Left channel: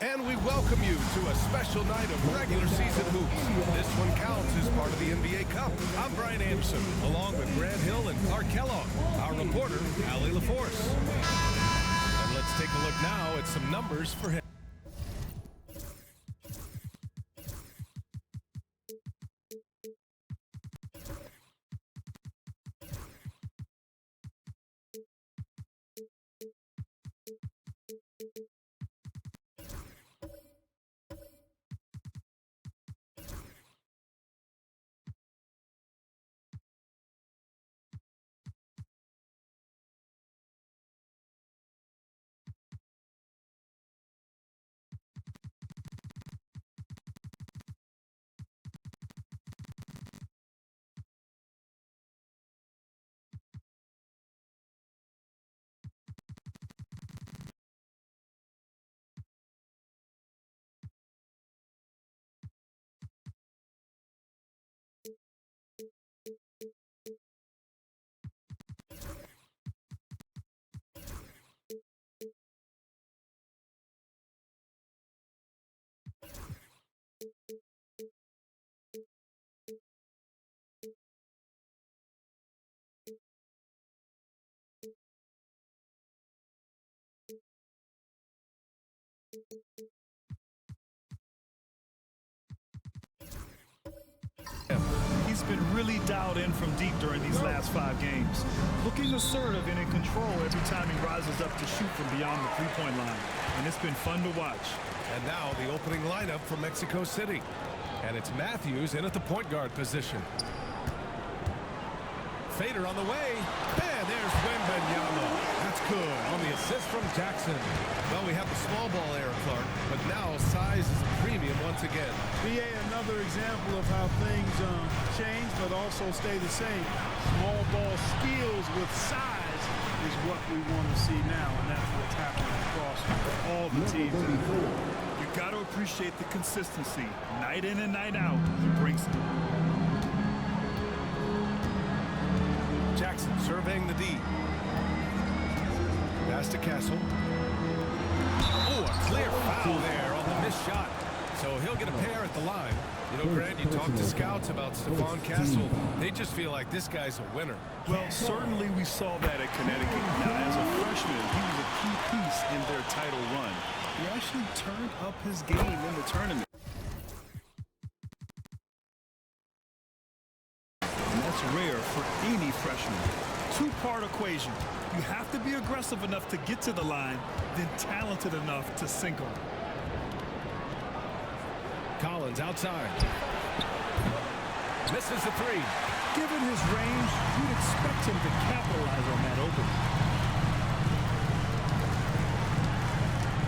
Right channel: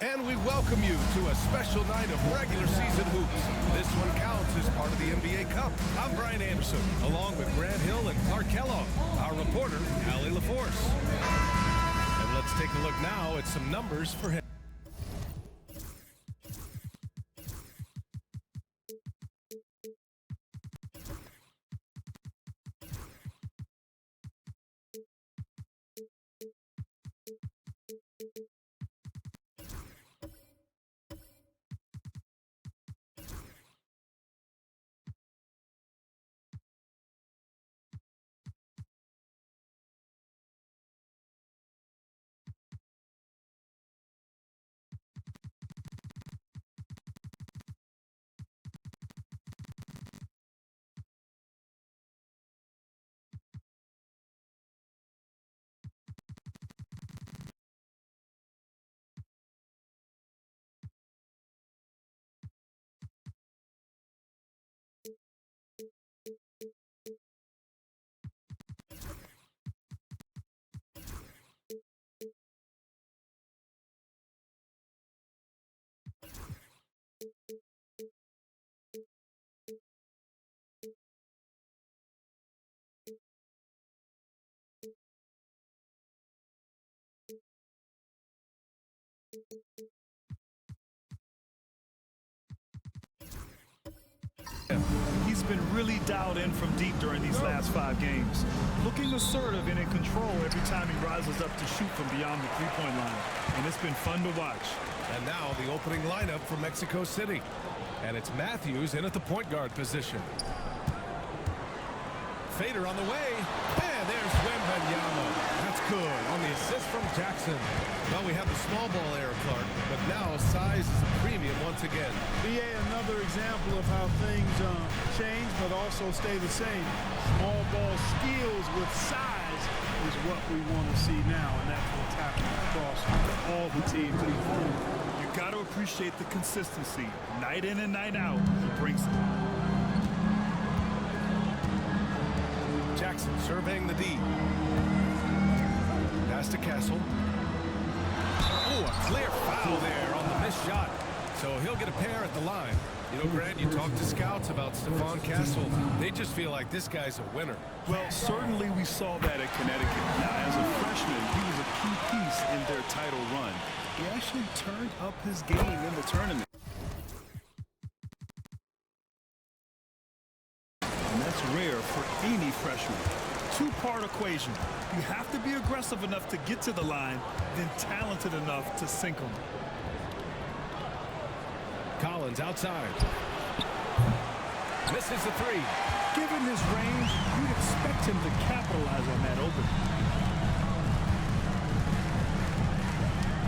And we welcome you to a special night of regular season hoops. This one counts as part of the NBA Cup. I'm Brian Anderson, along with Grant Hill and Clark Kellogg, our reporter, Allie LaForce. And let's take a look now at some numbers for him. He's been really dialed in from deep during these last 5 games. Looking assertive and in control every time he rises up to shoot from beyond the three-point line. And it's been fun to watch. And now the opening lineup for Mexico City. And it's Matthews in at the point guard position. Fader on the way. And there's Wembanyama. That's good on the assist from Jackson. Well, we have the small ball error, Clark, but now size is a premium once again. BA, another example of how things change but also stay the same. Small ball skills with size is what we want to see now, and that's what's happening across all the teams in the league. You got to appreciate the consistency. Night in and night out, he brings it. Jackson surveying the D. Pass to Castle. Oh, a clear foul there on the missed shot. So he'll get a pair at the line. You know, Grant, you talk to scouts about Stephon Castle. They just feel like this guy's a winner. Well, certainly we saw that at Connecticut. Now, as a freshman, he was a key piece in their title run. He actually turned up his game in the tournament. And that's rare for any freshman. Two-part equation. You have to be aggressive enough to get to the line, then talented enough to sink them. Collins outside. Misses the three. Given his range, you'd expect him to capitalize on that open.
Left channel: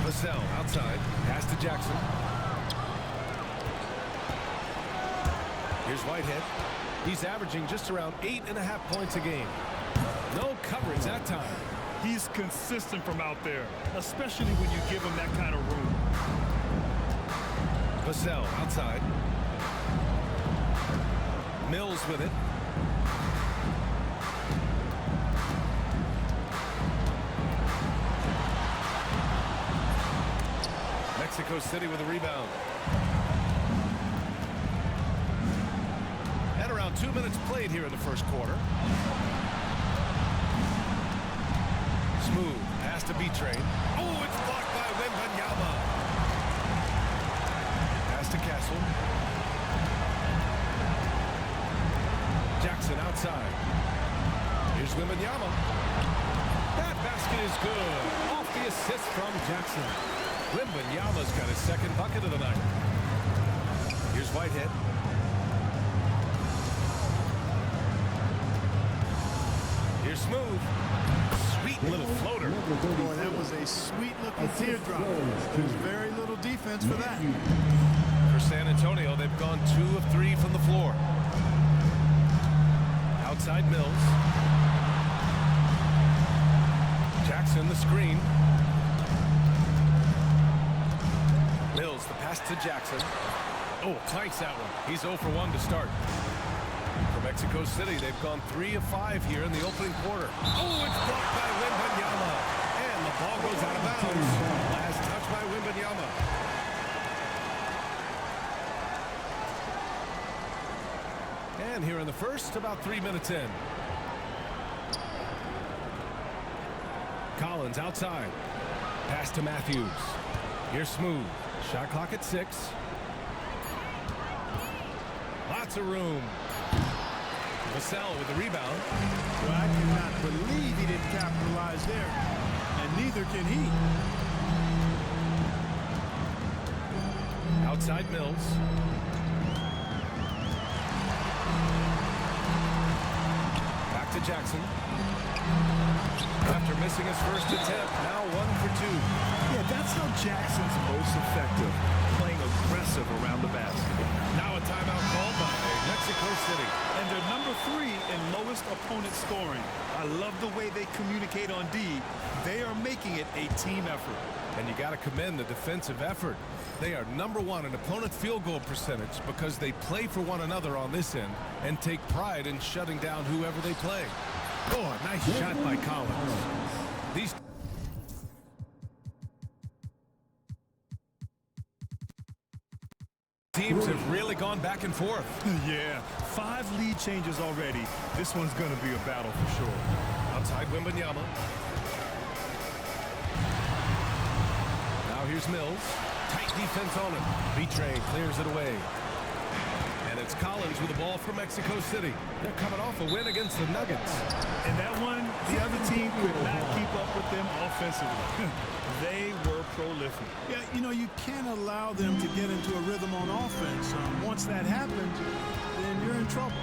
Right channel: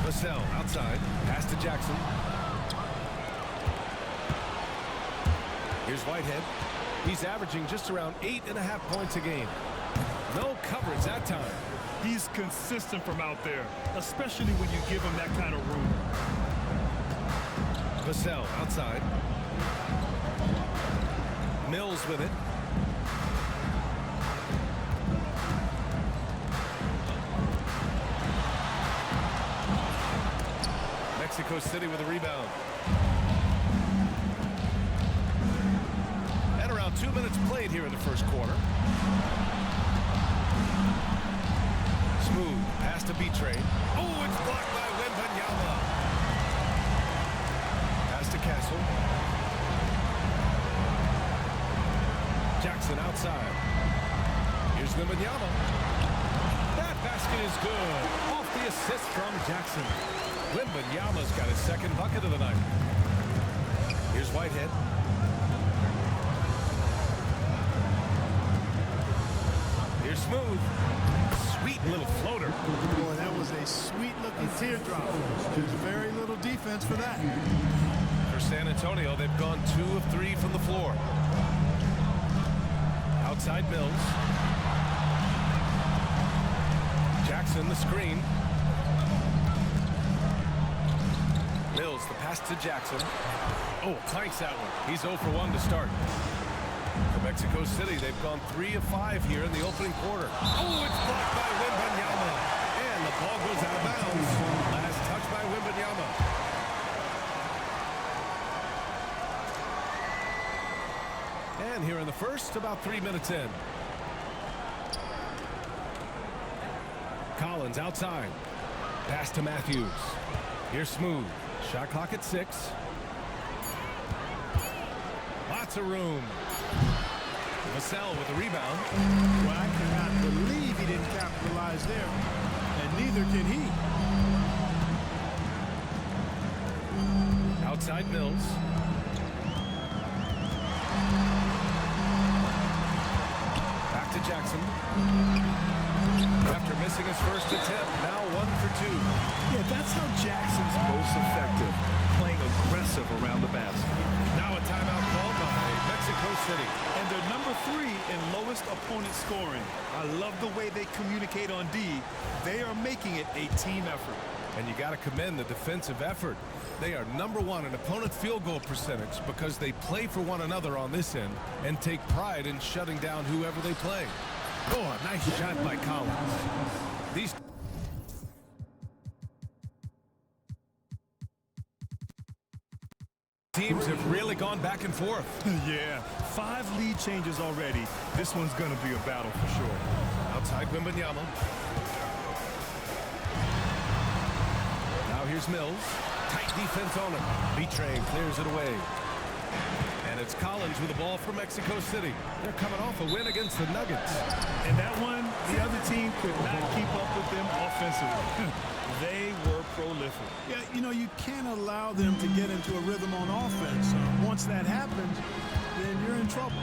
Vassell outside. Pass to Jackson. Here's Whitehead. He's averaging just around 8.5 points a game. No coverage that time. He's consistent from out there, especially when you give him that kind of room. Vassell outside. Mills with it. Mexico City with a rebound. At around 2 minutes played here in the first quarter. Smooth pass to B-Train. Oh, it's blocked by Wembanyama. Pass to Castle. Jackson outside. Here's Wembanyama. That basket is good. Off the assist from Jackson. Wembanyama's got his second bucket of the night. Here's Whitehead. Here's Smooth. Sweet little floater. Boy, that was a sweet-looking teardrop. There's very little defense for that. For San Antonio, they've gone 2 of 3 from the floor. Outside Mills. Jackson the screen. Mills the pass to Jackson. Oh, clanks that one. He's 0 for 1 to start. For Mexico City, they've gone 3 of 5 here in the opening quarter. Oh, it's blocked by Wembanyama. And the ball goes out of bounds. Last touch by Wembanyama. And here in the first, about 3 minutes in. Collins outside. Pass to Matthews. Here's Smooth. Shot clock at 6. Lots of room. Vassell with the rebound. Well, I cannot believe he didn't capitalize there. And neither can he. Outside Mills. Back to Jackson. After missing his first attempt, now 1 for 2. Yeah, that's how Jackson's most effective, playing aggressive around the basket. Now a timeout called by Mexico City. And they're number 3 in lowest opponent scoring. I love the way they communicate on D. They are making it a team effort. And you got to commend the defensive effort. They are number 1 in opponent field goal percentage because they play for one another on this end and take pride in shutting down whoever they play. Oh, a nice shot by Collins. These teams have really gone back and forth. Yeah, 5 lead changes already. This one's going to be a battle for sure. Outside Wembanyama. Now here's Mills. Tight defense on him. B-Train clears it away. And it's Collins with the ball for Mexico City. They're coming off a win against the Nuggets. And that one, the other team could not keep up with them offensively. They were prolific. Yeah, you know, you can't allow them to get into a rhythm on offense. Once that happens, then you're in trouble.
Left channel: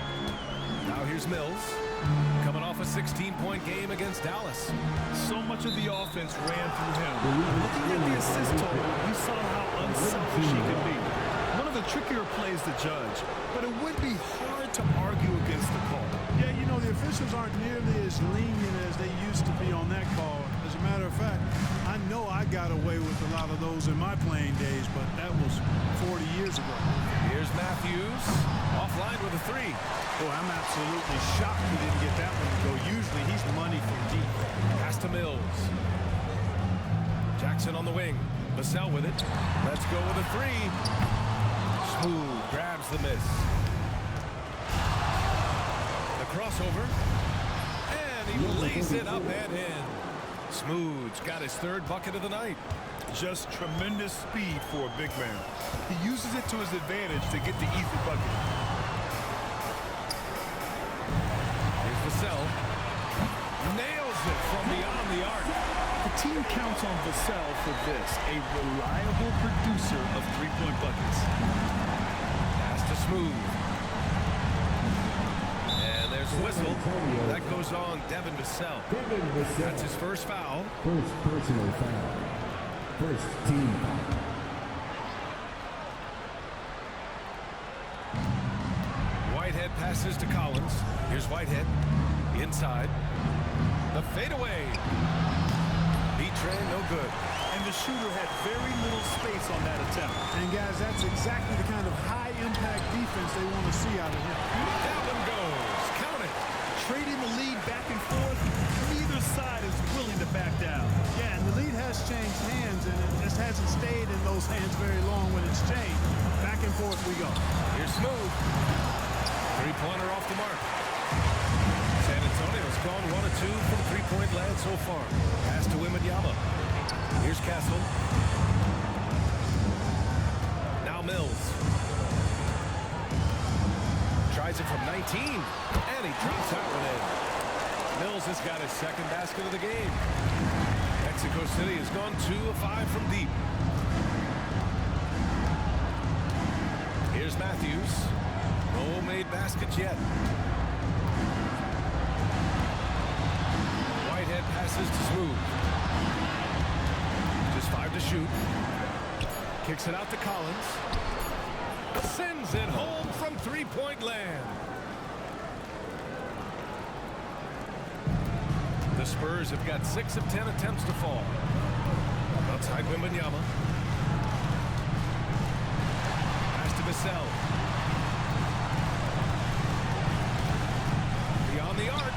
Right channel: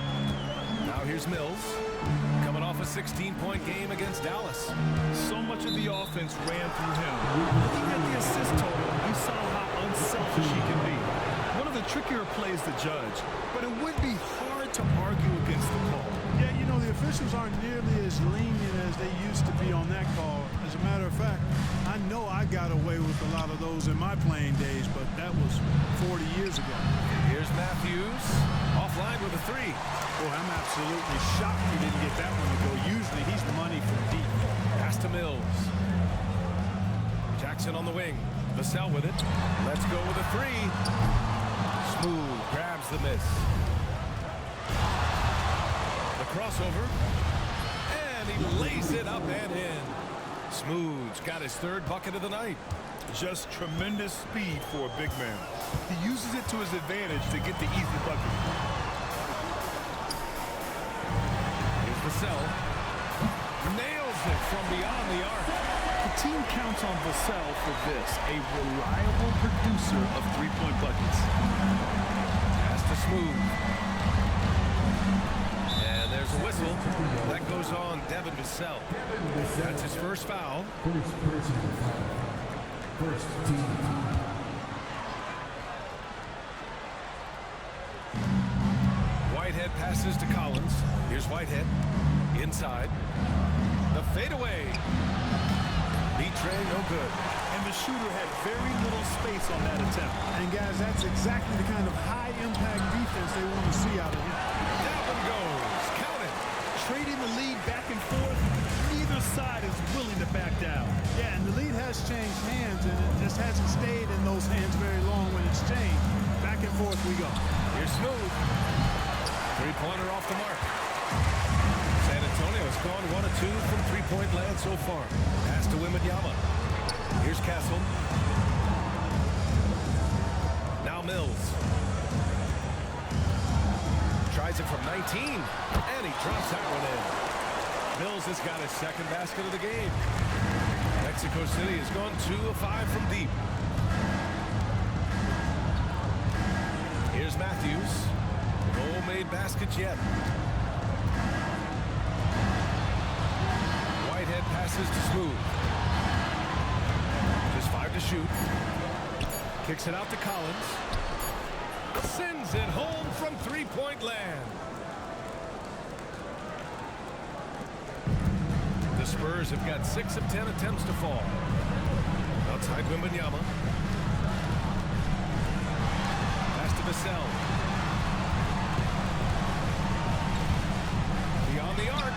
Now here's Mills. Coming off a 16-point game against Dallas. So much of the offense ran through him. Looking at the assist total, you saw how unselfish he can be. One of the trickier plays to judge, but it would be hard to argue against the call. Yeah, you know, the officials aren't nearly as lenient as they used to be on that call. As a matter of fact, I know I got away with a lot of those in my playing days, but that was 40 years ago. Here's Matthews. Offline with a 3. Boy, I'm absolutely shocked he didn't get that one to go. Usually he's money from deep. Pass to Mills. Jackson on the wing. Vassell with it. Let's go with a 3. Smooth grabs the miss. The crossover. And he lays it up and in. Smooth's got his 3rd bucket of the night. Just tremendous speed for a big man. He uses it to his advantage to get the easy bucket. Here's Vassell. Nails it from beyond the arc. The team counts on Vassell for this, a reliable producer of 3-point buckets. Pass to Smooth. And there's a whistle. That goes on Devin Vassell. That's his first foul. First personal foul. First team foul. Whitehead passes to Collins. Here's Whitehead. Inside. The fadeaway. B-Train, no good. And the shooter had very little space on that attempt. And guys, that's exactly the kind of high-impact defense they want to see out of him. That one goes. Count it. Trading the lead back and forth, neither side is willing to back down. Yeah, and the lead has changed hands, and it just hasn't stayed in those hands very long when it's changed. Back and forth we go. Here's Smooth. 3-pointer off the mark. San Antonio's gone 1 of 2 from 3-point land so far. Pass to Wembanyama. Here's Castle. Now Mills. Tries it from 19, and he drops that one in. Mills has got his 2nd basket of the game. Mexico City has gone 2 of 5 from deep. Here's Matthews. No made baskets yet. Whitehead passes to Smooth. Just 5 to shoot. Kicks it out to Collins. Sends it home from 3-point land. The Spurs have got 6 of 10 attempts to fall. Outside Wembanyama. Pass to Vassell. Beyond the arc.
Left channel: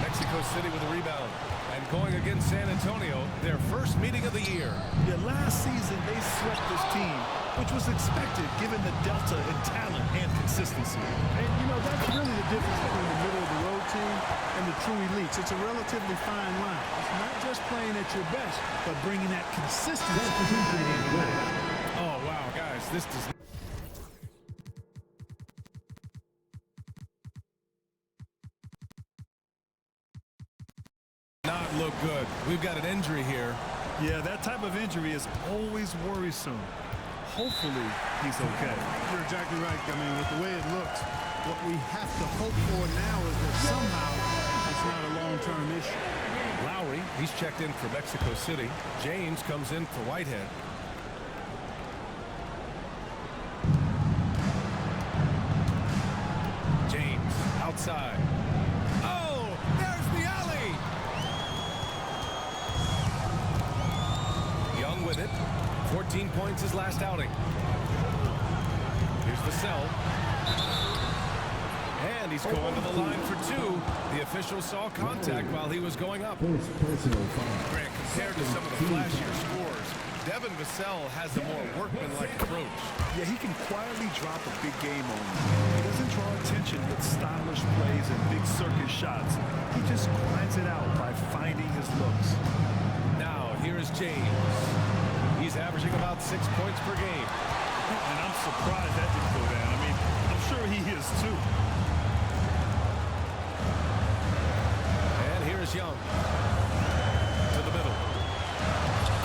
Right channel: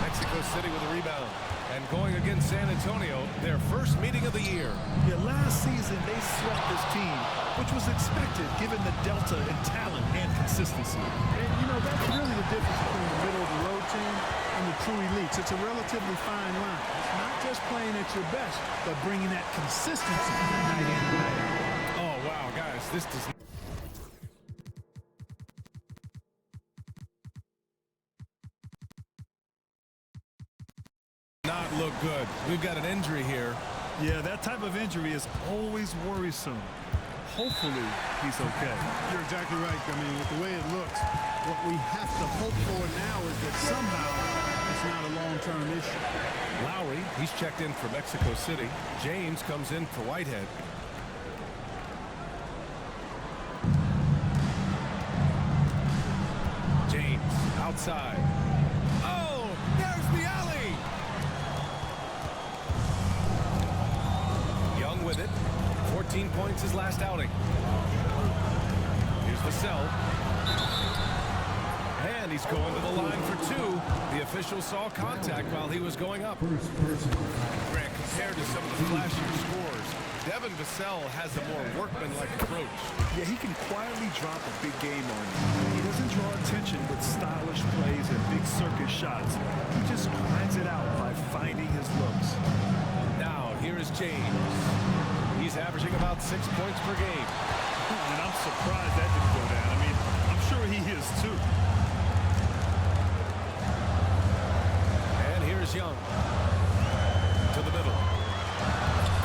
Mexico City with a rebound. And going against San Antonio, their first meeting of the year. Yeah, last season they swept this team, which was expected given the delta in talent and consistency. And, you know, that's really the difference between the middle-of-the-road team and the true elites. It's a relatively fine line. It's not just playing at your best, but bringing that consistency night in and night out. Oh, wow, guys, this does not look good. We've got an injury here. Yeah, that type of injury is always worrisome. Hopefully, he's okay. You're exactly right. I mean, with the way it looks, what we have to hope for now is that somehow it's not a long-term issue. Lowry, he's checked in for Mexico City. James comes in for Whitehead. James, outside. Oh, there's the alley! Young with it. 14 points his last outing. Here's Vassell. And he's going to the line for two. The official saw contact while he was going up. Grant, compared to some of the flashier scores, Devin Vassell has a more workmanlike approach. Yeah, he can quietly drop a big game on you. He doesn't draw attention with stylish plays and big circus shots. He just grinds it out by finding his looks. Now, here is James. He's averaging about 6 points per game. And I'm surprised that didn't go down. I mean, I'm sure he is too. And here's Young. To the middle.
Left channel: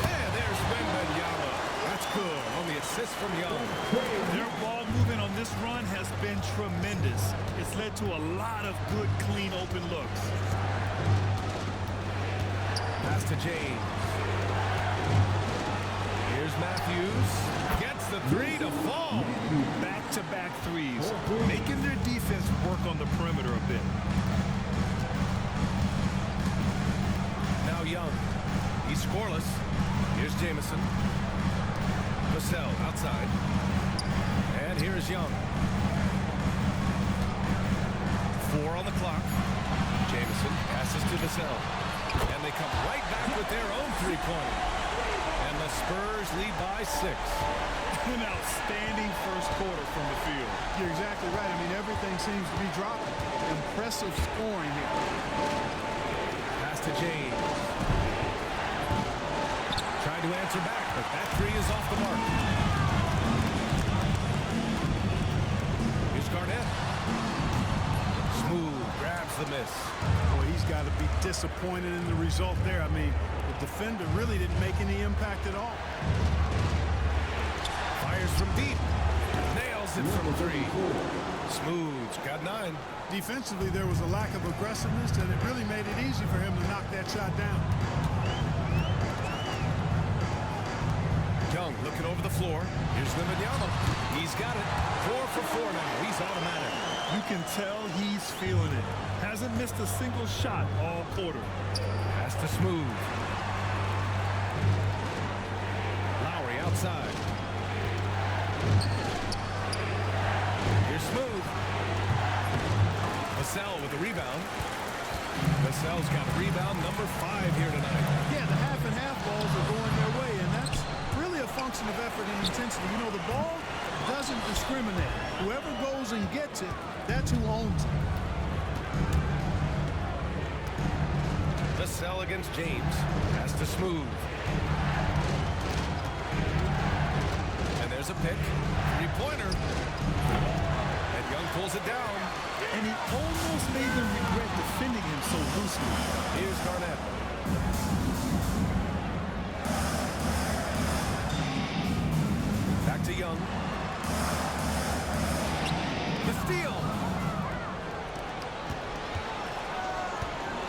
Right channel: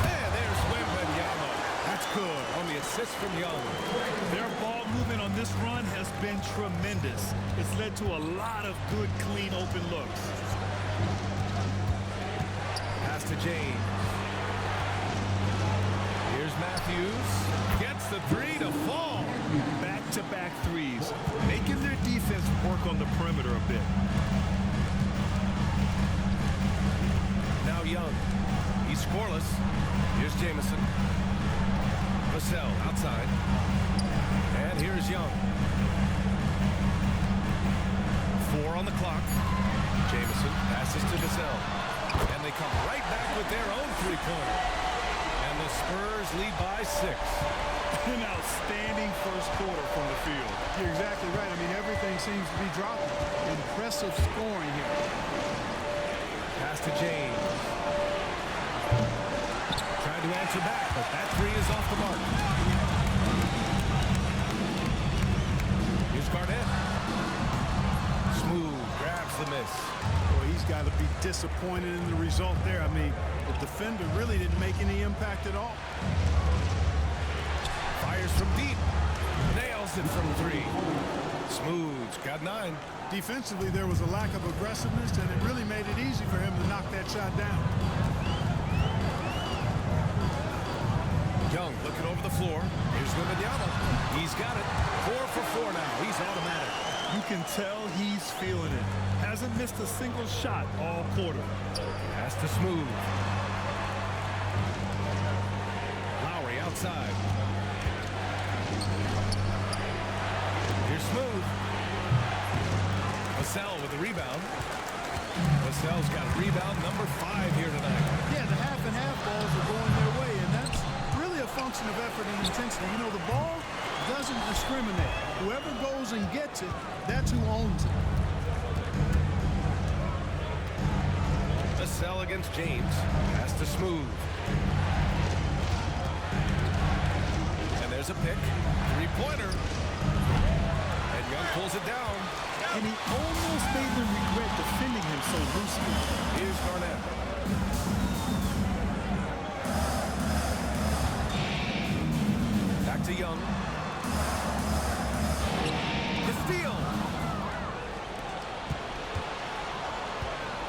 And there's Wembanyama. That's good on the assist from Young. Their ball movement on this run has been tremendous. It's led to a lot of good, clean, open looks. Pass to James. Here's Matthews. Gets the three to fall. Back-to-back threes, making their defense work on the perimeter a bit. Now Young. He's scoreless. Here's Jamison. Vassell outside. And here's Young. 4 on the clock. Jamison passes to Vassell. And they come right back with their own three-pointer. And the Spurs lead by 6. An outstanding first quarter from the field. You're exactly right. I mean, everything seems to be dropping. Impressive scoring here. Pass to James. Trying to answer back, but that three is off the mark. Here's Garnett. Smooth, grabs the miss. Boy, he's got to be disappointed in the result there. I mean, the defender really didn't make any impact at all. Fires from deep. Nails it from 3. Smooth, got 9. Defensively, there was a lack of aggressiveness, and it really made it easy for him to knock that shot down. Young looking over the floor. Here's Wembanyama. He's got it. 4 for 4 now. He's automatic. You can tell he's feeling it. Hasn't missed a single shot all quarter. Pass to Smooth. Lowry outside. Here's Smooth. Vassell with the rebound. Vassell's got a rebound number 5 here tonight. Yeah, the half-and-half balls are going their way, and that's really a function of effort and intensity. You know, the ball doesn't discriminate. Whoever goes and gets it, that's who owns it. Vassell against James. Pass to Smooth. And there's a pick. 3-pointer. And Young pulls it down. And he almost made them regret defending him so loosely. Here's Garnett. Back to Young. The steal.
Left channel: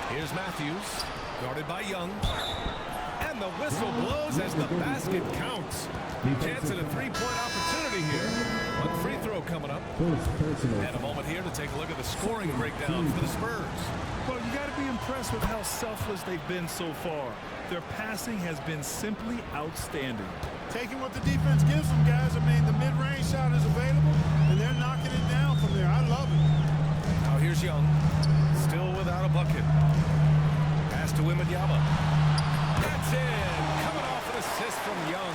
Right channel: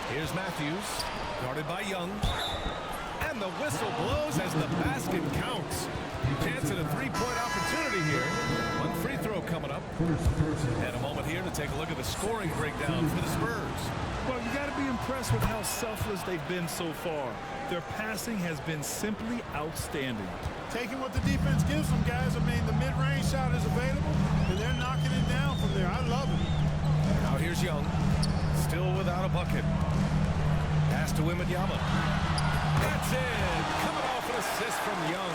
Here's Matthews, guarded by Young. And the whistle blows as the basket counts. Chance at a 3-point opportunity here. One free throw coming up. And a moment here to take a look at the scoring breakdown for the Spurs. Well, you got to be impressed with how selfless they've been so far. Their passing has been simply outstanding. Taking what the defense gives them, guys. I mean, the mid-range shot is available, and they're knocking it down from there. I love it. Now here's Young, still without a bucket. Pass to Wembanyama. That's in. Coming off an assist from Young.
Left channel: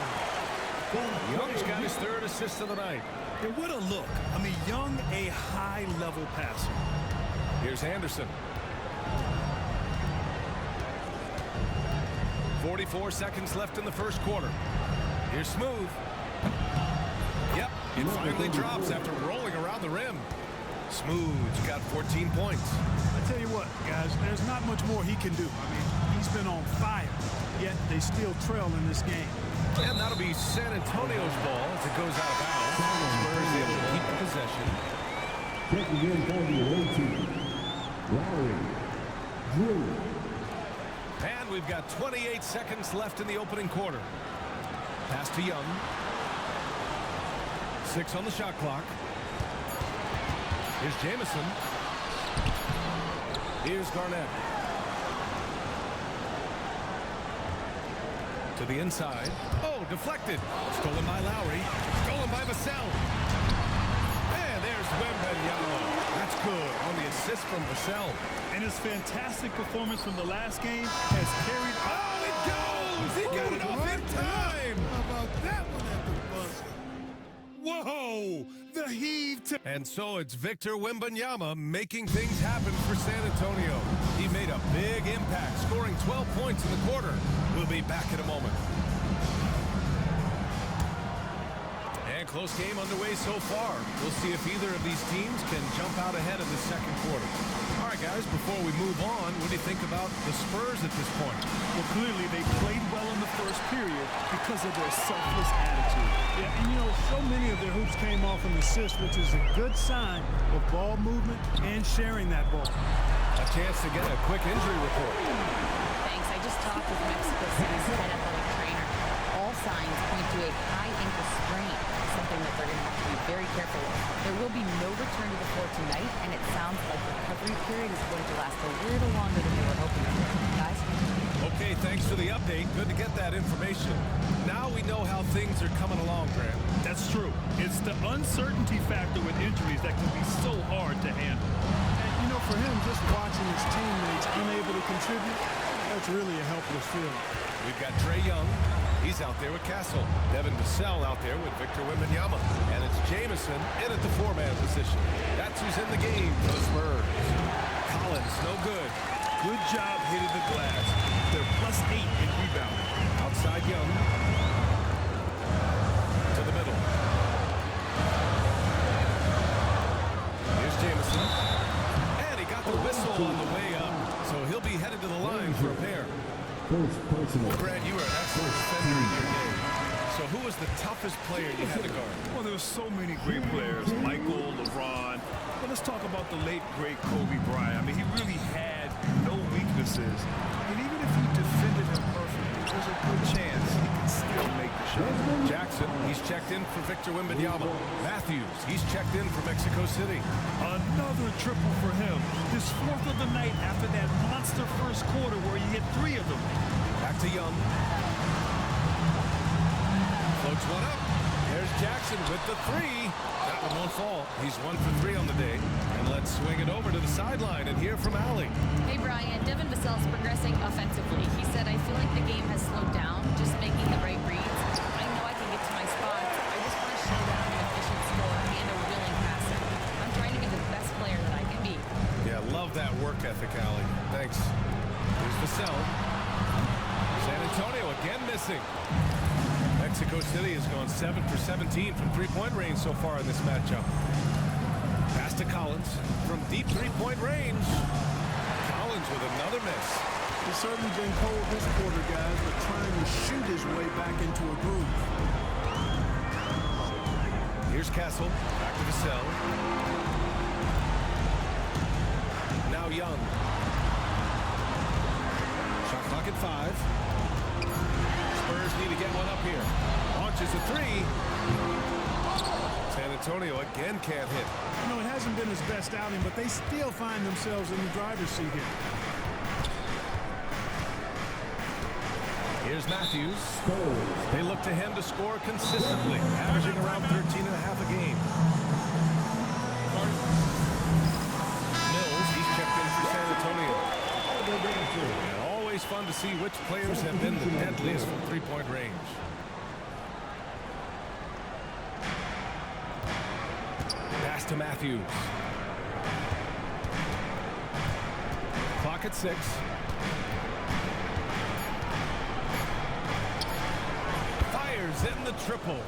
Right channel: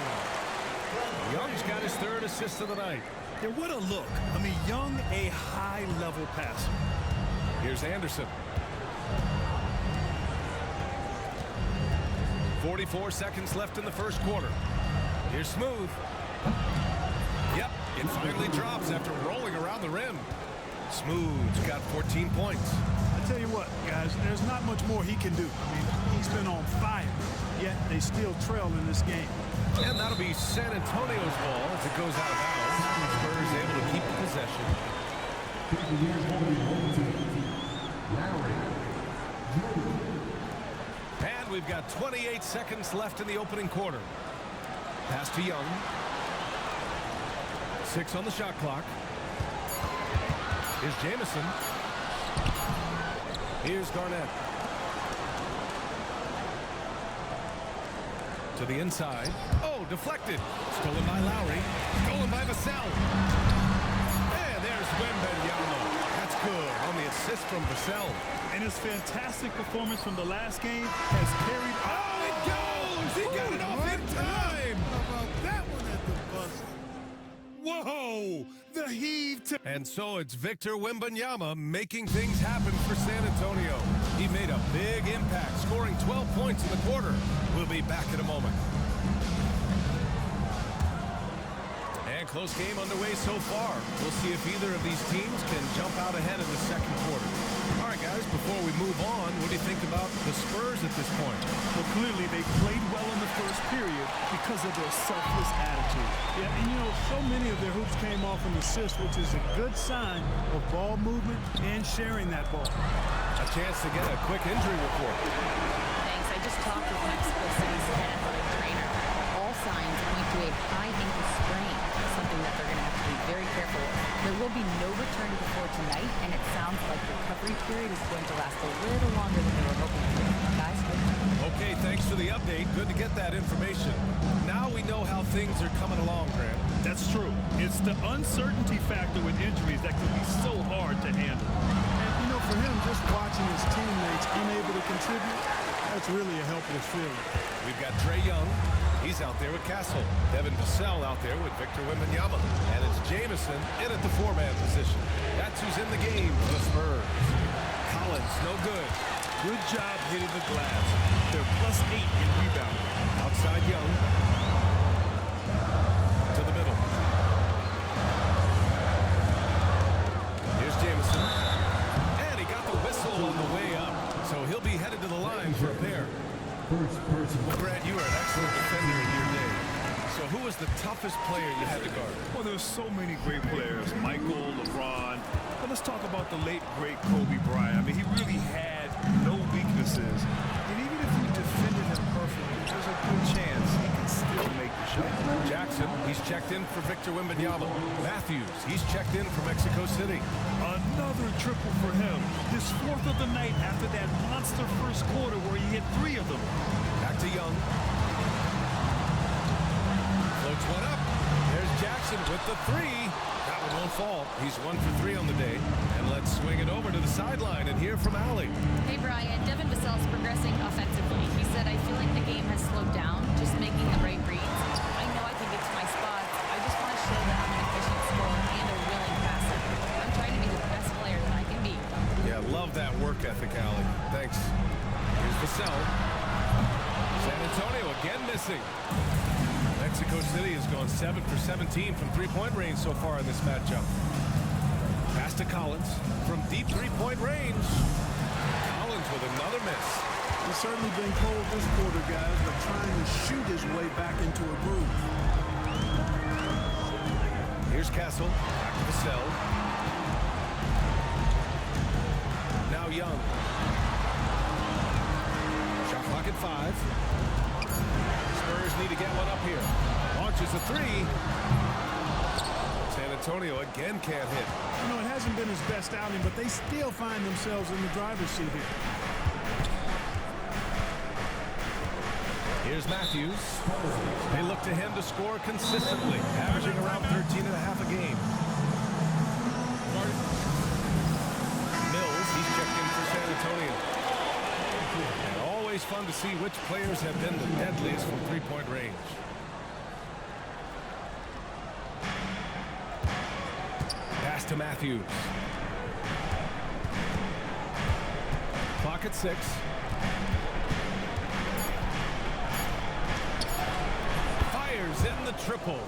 Young's got his third assist of the night. And what a look. I mean, Young, a high-level passer. Here's Anderson. 44 seconds left in the first quarter. Here's Smooth. Yep, it finally drops after rolling around the rim. Smooth's got 14 points. I tell you what, guys, there's not much more he can do. I mean, he's been on fire, yet they still trail in this game. And that'll be San Antonio's ball as it goes out of bounds. Spurs able to keep the possession. Checking in for the away team. Lowry. Drew. And we've got 28 seconds left in the opening quarter. Pass to Young. 6 on the shot clock. Here's Jamison. Here's Garnett. To the inside. Oh, deflected. Stolen by Lowry. Stolen by Vassell. And there's Wembanyama. That's good on the assist from Vassell. And his fantastic performance from the last game has carried. Oh, it goes! He got it off in time! How about that one at the buzzer? Whoa! The heave to... And so it's Victor Wembanyama making things happen for San Antonio. He made a big impact, scoring 12 points in the quarter. We'll be back in a moment. And close game underway so far. We'll see if either of these teams can jump out ahead in the second quarter. All right, guys, before we move on, what do you think about the Spurs at this point? Well, clearly they played well in the first period because of their selfless attitude. Yeah, and you know, so many of their hoops came off an assist, which is a good sign of ball movement and sharing that ball. A chance to get a quick injury report. Thanks. I just talked with Mexico City's head athletic trainer. All signs point to a high ankle sprain, something that they're going to have to be very careful with. There will be no return to the floor tonight, and it sounds like recovery period is going to last a little longer than they were hoping for. Guys? Okay, thanks for the update. Good to get that information. Now we know how things are coming along, Grant. That's true. It's the uncertainty factor with injuries that can be so hard to handle. And, you know, for him, just watching his teammates unable to contribute, that's really a helpless feeling. We've got Trae Young. He's out there with Castle. Devin Vassell out there with Victor Wembanyama. And it's Jamison in at the 4-man position. That's who's in the game for the Spurs. Collins, no good. Good job hitting the glass. They're +8 in rebounding. Outside Young. To the middle. Here's Jamison. And he got the whistle on the way up. So he'll be headed to the line for a pair. First personal. Well, Brad, you were an excellent defender in your day. So who was the toughest player you had to guard? Well, there's so many great players. Michael, LeBron. But let's talk about the late, great Kobe Bryant. I mean, he really had no weaknesses. And even if you defended him perfectly, there's a good chance he can still make the shot. Jackson, he's checked in for Victor Wembanyama. Matthews, he's checked in for Mexico City. Another triple for him. His 4th of the night after that monster first quarter where he hit 3 of them. Back to Young. Floats one up. There's Jackson with the 3. That one won't fall. He's 1 for 3 on the day. And let's swing it over to the sideline and hear from Allie. Hey, Brian. Devin Vassell's progressing offensively. He said, I feel like the game has slowed down, just making the right reads. I know I can get to my spots. I just want to show that I'm an efficient scorer and a willing passer. I'm trying to be the best player that I can be. Yeah, love that work ethic, Allie. Thanks. Here's Vassell. San Antonio again missing. Mexico City has gone 7 for 17 from three-point range so far in this matchup. Pass to Collins from deep three-point range. Collins with another miss. He's certainly been cold this quarter, guys, but trying to shoot his way back into a groove. Here's Castle. Back to Vassell. Now Young. Shot clock at 5. Spurs need to get one up here. Launches a 3. San Antonio again can't hit. You know, it hasn't been his best outing, but they still find themselves in the driver's seat here. Here's Matthews. They look to him to score consistently, averaging around 13.5 a game. Mills, he's checked in for San Antonio. And always fun to see which players have been the deadliest from three-point range. Pass to Matthews. Clock at 6. Fires in the triple.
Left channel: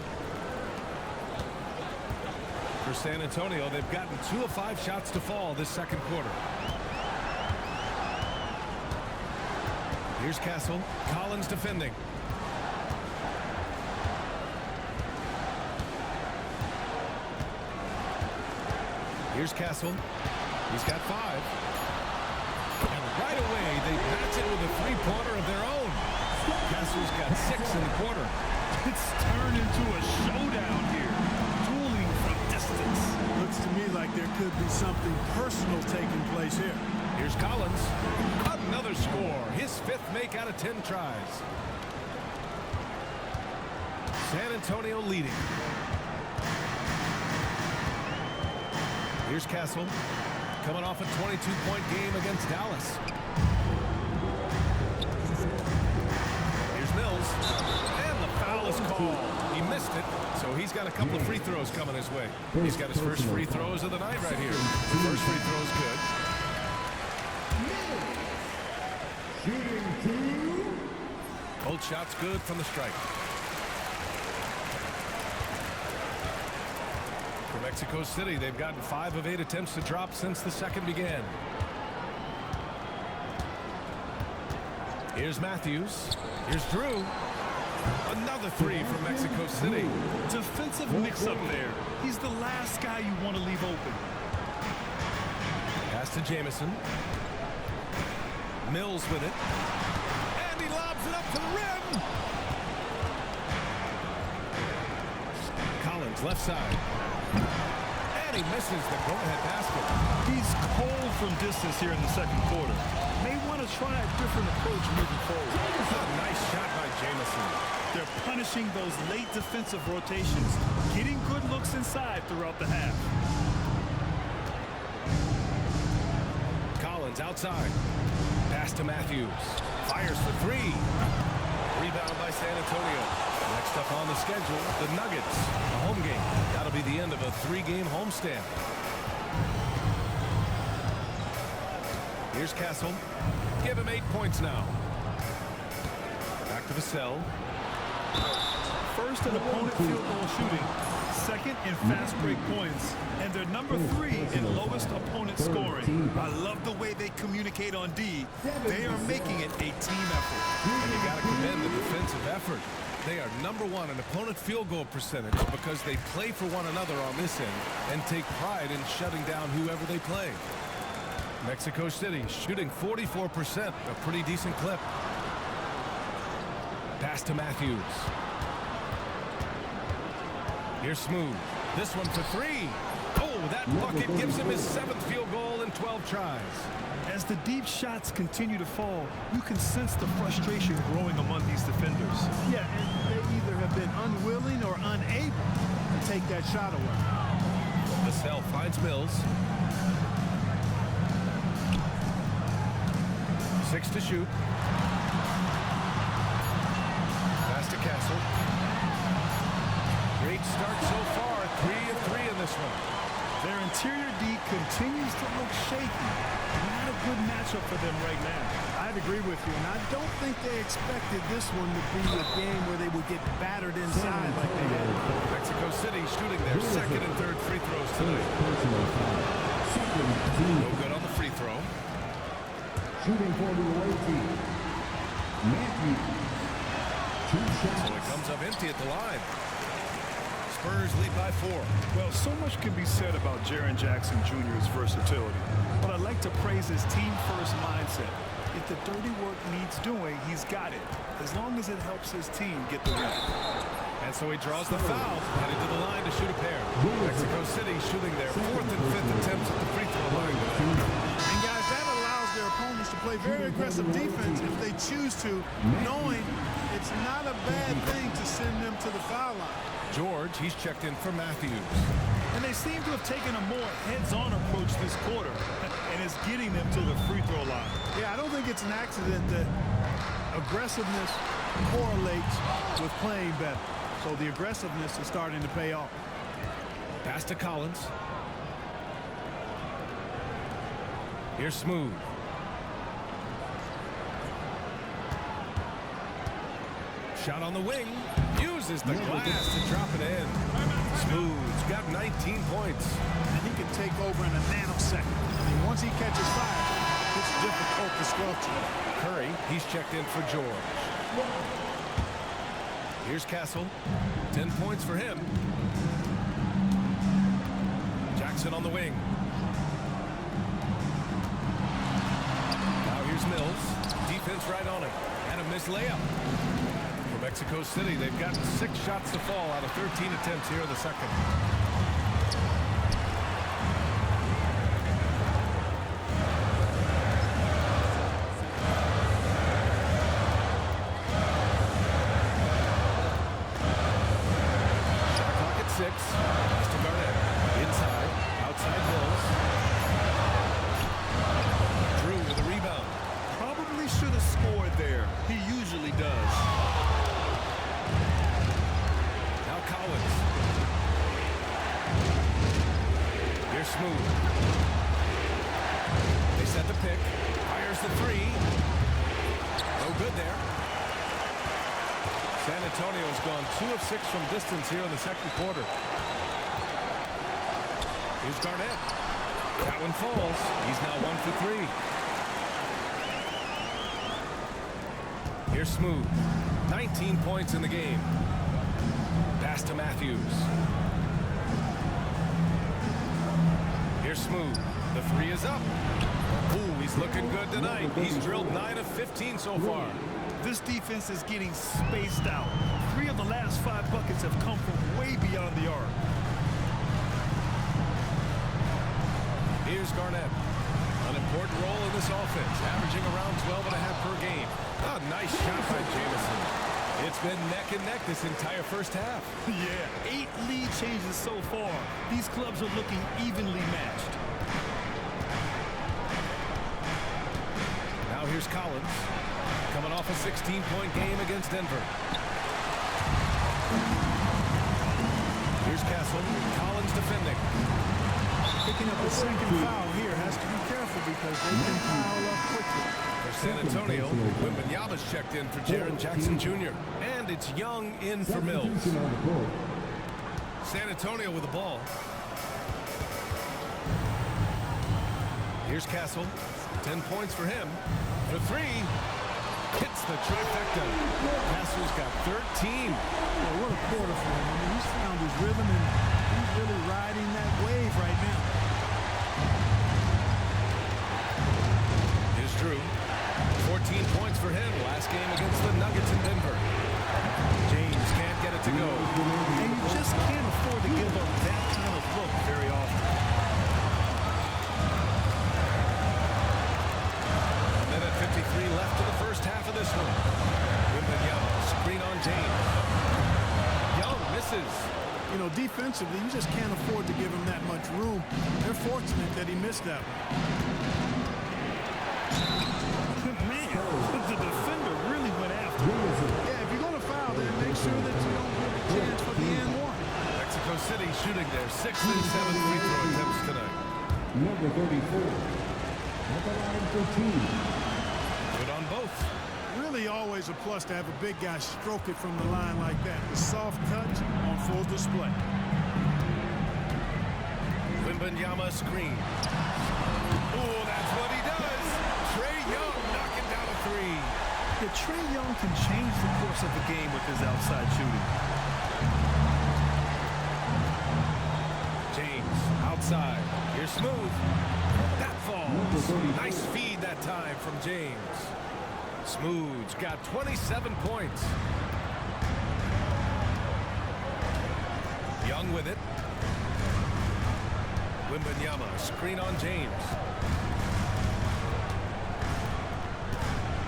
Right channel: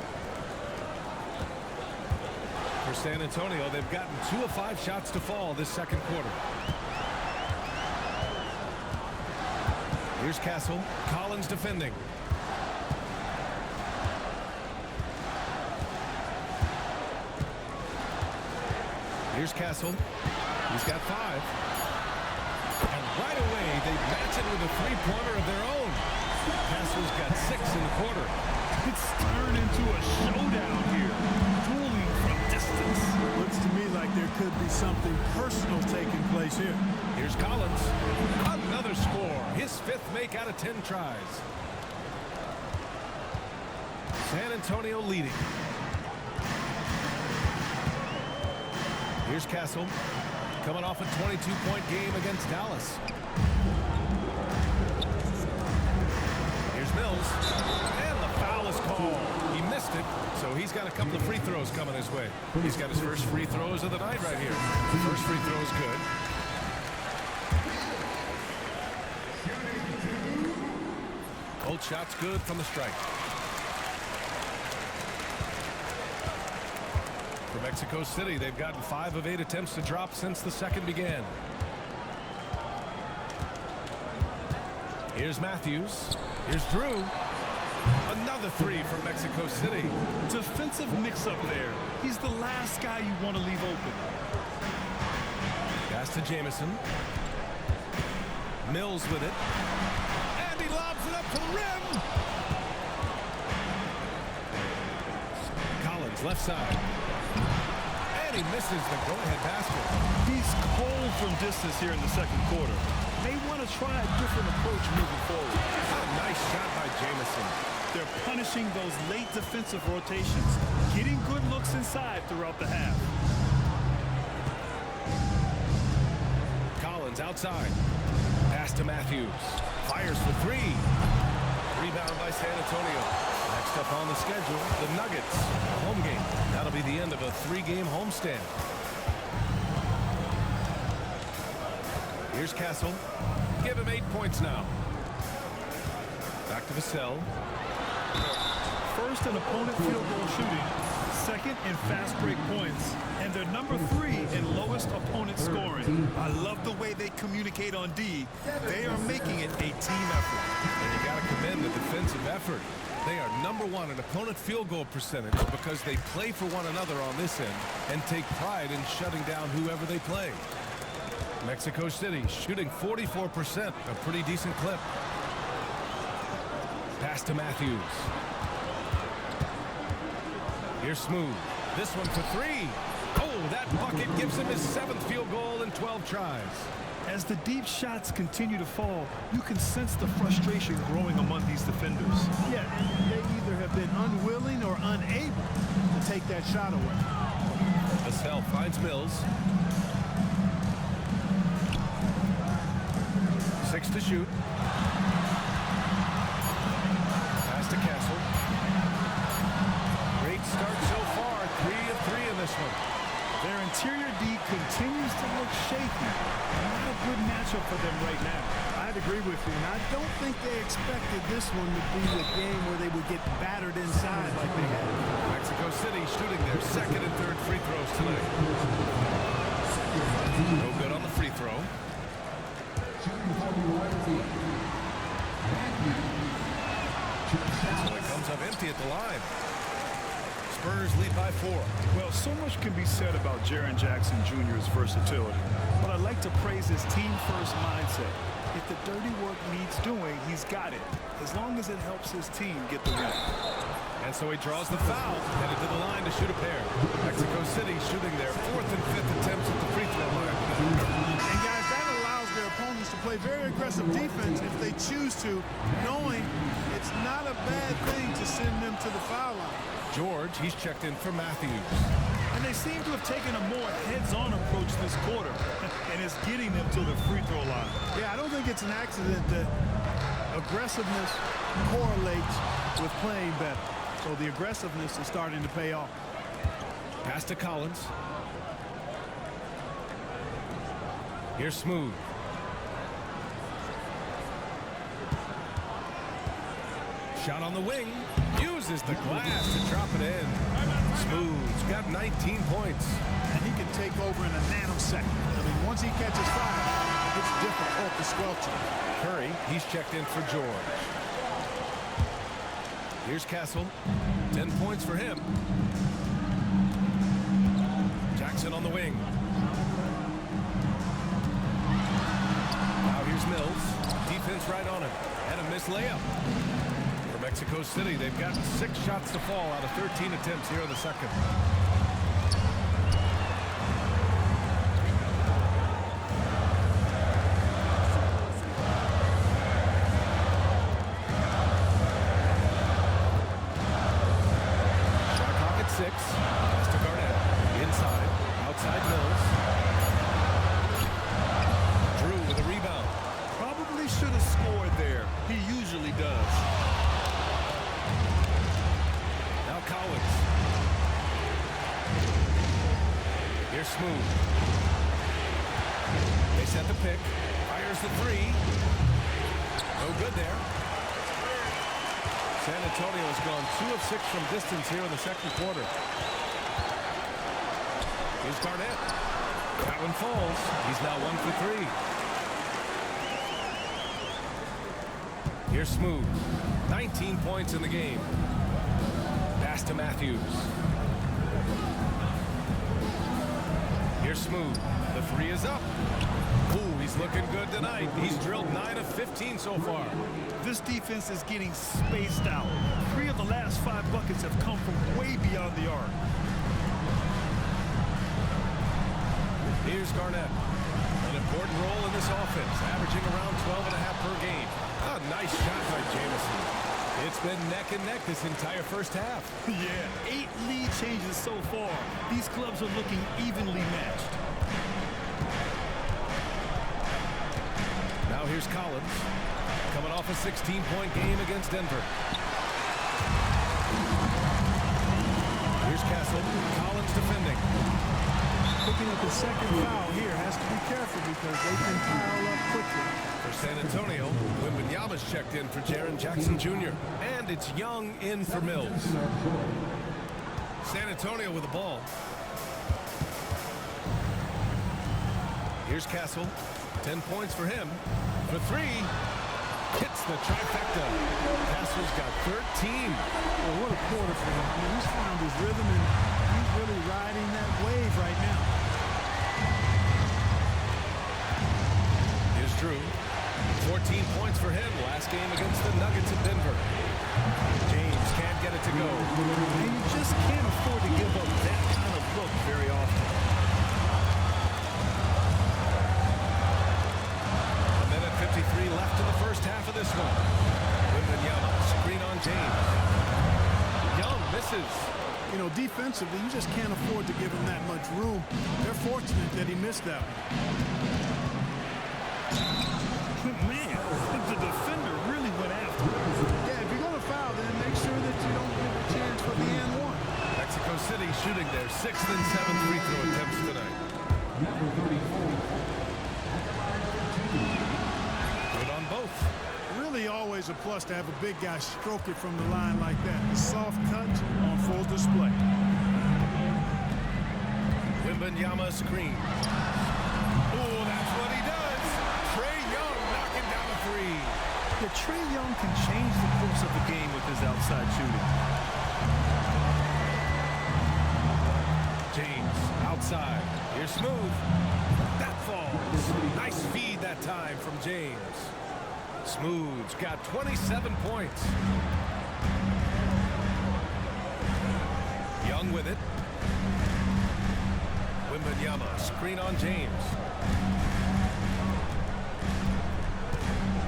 For San Antonio, they've gotten 2 of 5 shots to fall this second quarter. Here's Castle. Collins defending. Here's Castle. He's got 5. And right away, they match it with a three-pointer of their own. Castle's got 6 in the quarter. It's turned into a showdown here. Dueling from distance. Looks to me like there could be something personal taking place here. Here's Collins. Another score. His 5th make out of 10 tries. San Antonio leading. Here's Castle. Coming off a 22-point game against Dallas. Here's Mills. And the foul is called. He missed it, so he's got a couple of free throws coming his way. He's got his first free throws of the night right here. The first free throw is good. Both shots good from the strike. For Mexico City, they've gotten 5 of 8 attempts to drop since the second began. Here's Matthews. Here's Drew. Another 3 from Mexico City. Defensive mix-up there. He's the last guy you want to leave open. Pass to Jamison. Mills with it. And he lobs it up to the rim. Collins left side. And he misses the go-ahead basket. He's cold from distance here in the second quarter. May want to try a different approach moving forward. A nice shot by Jamison. They're punishing those late defensive rotations, getting good looks inside throughout the half. Collins outside. Pass to Matthews. Fires for 3. Rebound by San Antonio. Next up on the schedule, the Nuggets. A home game. That'll be the end of a 3-game homestand. Here's Castle. Give him 8 points now. Back to Vassell. First in opponent field goal shooting, second in fast break points, and they're number 3 in lowest opponent scoring. I love the way they communicate on D. They are making it a team effort. And you got to commend the defensive effort. They are number 1 in opponent field goal percentage because they play for one another on this end and take pride in shutting down whoever they play. Mexico City shooting 44%, a pretty decent clip. Pass to Matthews. Here's Smooth. This one for 3. Oh, that bucket gives him his 7th field goal in 12 tries. As the deep shots continue to fall, you can sense the frustration growing among these defenders. Yeah, and they either have been unwilling or unable to take that shot away. Vassell finds Mills. 6 to shoot. Pass to Castle. Great start so far. 3 of 3 in this one. Their interior D continues to look shaky. Not a good matchup for them right now. I'd agree with you, and I don't think they expected this one to be a game where they would get battered inside like they had. Mexico City shooting their 2nd and 3rd free throws tonight. No good on the free throw. Shooting for the away team, Matthews. 2 shots. So it comes up empty at the line. Spurs lead by 4. Well, so much can be said about Jaren Jackson Jr.'s versatility, but I'd like to praise his team-first mindset. If the dirty work needs doing, he's got it, as long as it helps his team get the win. And so he draws the foul, headed to the line to shoot a pair. Mexico City shooting their 4th and 5th attempts at the free throw line today. And guys, that allows their opponents to play very aggressive defense if they choose to, knowing it's not a bad thing to send them to the foul line. George, he's checked in for Matthews. And they seem to have taken a more heads-on approach this quarter, and it's getting them to the free throw line. Yeah, I don't think it's an accident that aggressiveness correlates with playing better. So the aggressiveness is starting to pay off. Pass to Collins. Here's Smooth. Shot on the wing. Uses the glass to drop it in. Smooth's got 19 points. And he can take over in a nanosecond. I mean, once he catches fire, it's difficult to squelch him. Curry, he's checked in for George. Here's Castle. 10 points for him. Jackson on the wing. Now here's Mills. Defense right on him. And a missed layup. For Mexico City, they've gotten 6 shots to fall out of 13 attempts here in the second. Shot clock at 6. Pass to Garnett. Inside. Outside Mills. Drew with a rebound. Probably should have scored there. He usually does. Now Collins. Here's Smooth. They set the pick. Fires the 3. No good there. San Antonio has gone 2 of 6 from distance here in the second quarter. Here's Garnett. That one falls. He's now 1 for 3. Here's Smooth. 19 points in the game. Pass to Matthews. Here's Smooth. The 3 is up. Ooh, he's looking good tonight. He's drilled 9 of 15 so far. This defense is getting spaced out. 3 of the last 5 buckets have come from way beyond the arc. Here's Garnett. An important role in this offense, averaging around 12.5 per game. A nice shot by Jamison. It's been neck and neck this entire first half. Yeah, 8 lead changes so far. These clubs are looking evenly matched. Now here's Collins, coming off a 16-point game against Denver. Here's Castle. Collins defending. Picking up his second foul here. Has to be careful because they can pile up quickly. For San Antonio, Wembanyama's checked in for Jaren Jackson Jr. And it's Young in for Mills. San Antonio with the ball. Here's Castle. 10 points for him. For 3. Hits the trifecta. Castle's got 13. Well, what a quarter for him. I mean, he's found his rhythm and he's really riding that wave right now. Here's Drew. 14 points for him last game against the Nuggets in Denver. James can't get it to go. And you just can't afford to give up that kind of look very often. A minute 53 left in the first half of this one. Wembanyama, screen on James. Young misses. You know, defensively, you just can't afford to give him that much room. They're fortunate that he missed that one. Man, the defender really went after him. Yeah, if you're going to foul, then make sure that you don't give a chance for the and one. Mexico City shooting their 6th and 7th free throw attempts tonight. Number 34. At the line for 2. Good on both. Really always a plus to have a big guy stroke it from the line like that. The soft touch on full display. Wembanyama screen. Oh, that's what he does. Trae Young knocking down a 3. Yeah, Trae Young can change the course of a game with his outside shooting. James outside. Here's Smooth. That falls. Nice feed that time from James. Smooth's got 27 points. Young with it. Wembanyama, screen on James.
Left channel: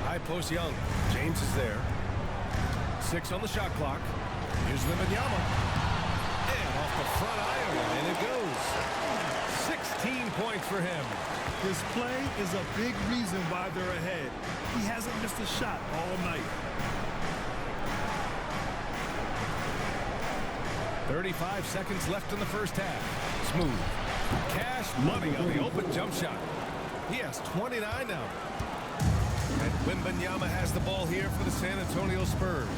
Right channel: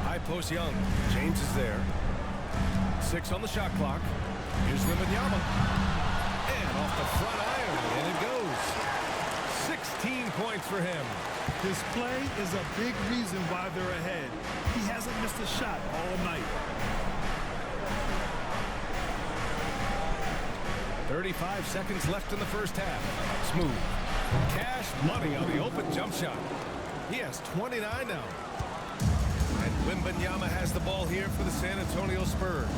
High post Young. James is there. 6 on the shot clock. Here's Wembanyama. And off the front iron, and in it goes. 16 points for him. His play is a big reason why they're ahead. He hasn't missed a shot all night. 35 seconds left in the first half. Smooth. Cash money on the open jump shot. He has 29 now. And Wembanyama has the ball here for the San Antonio Spurs.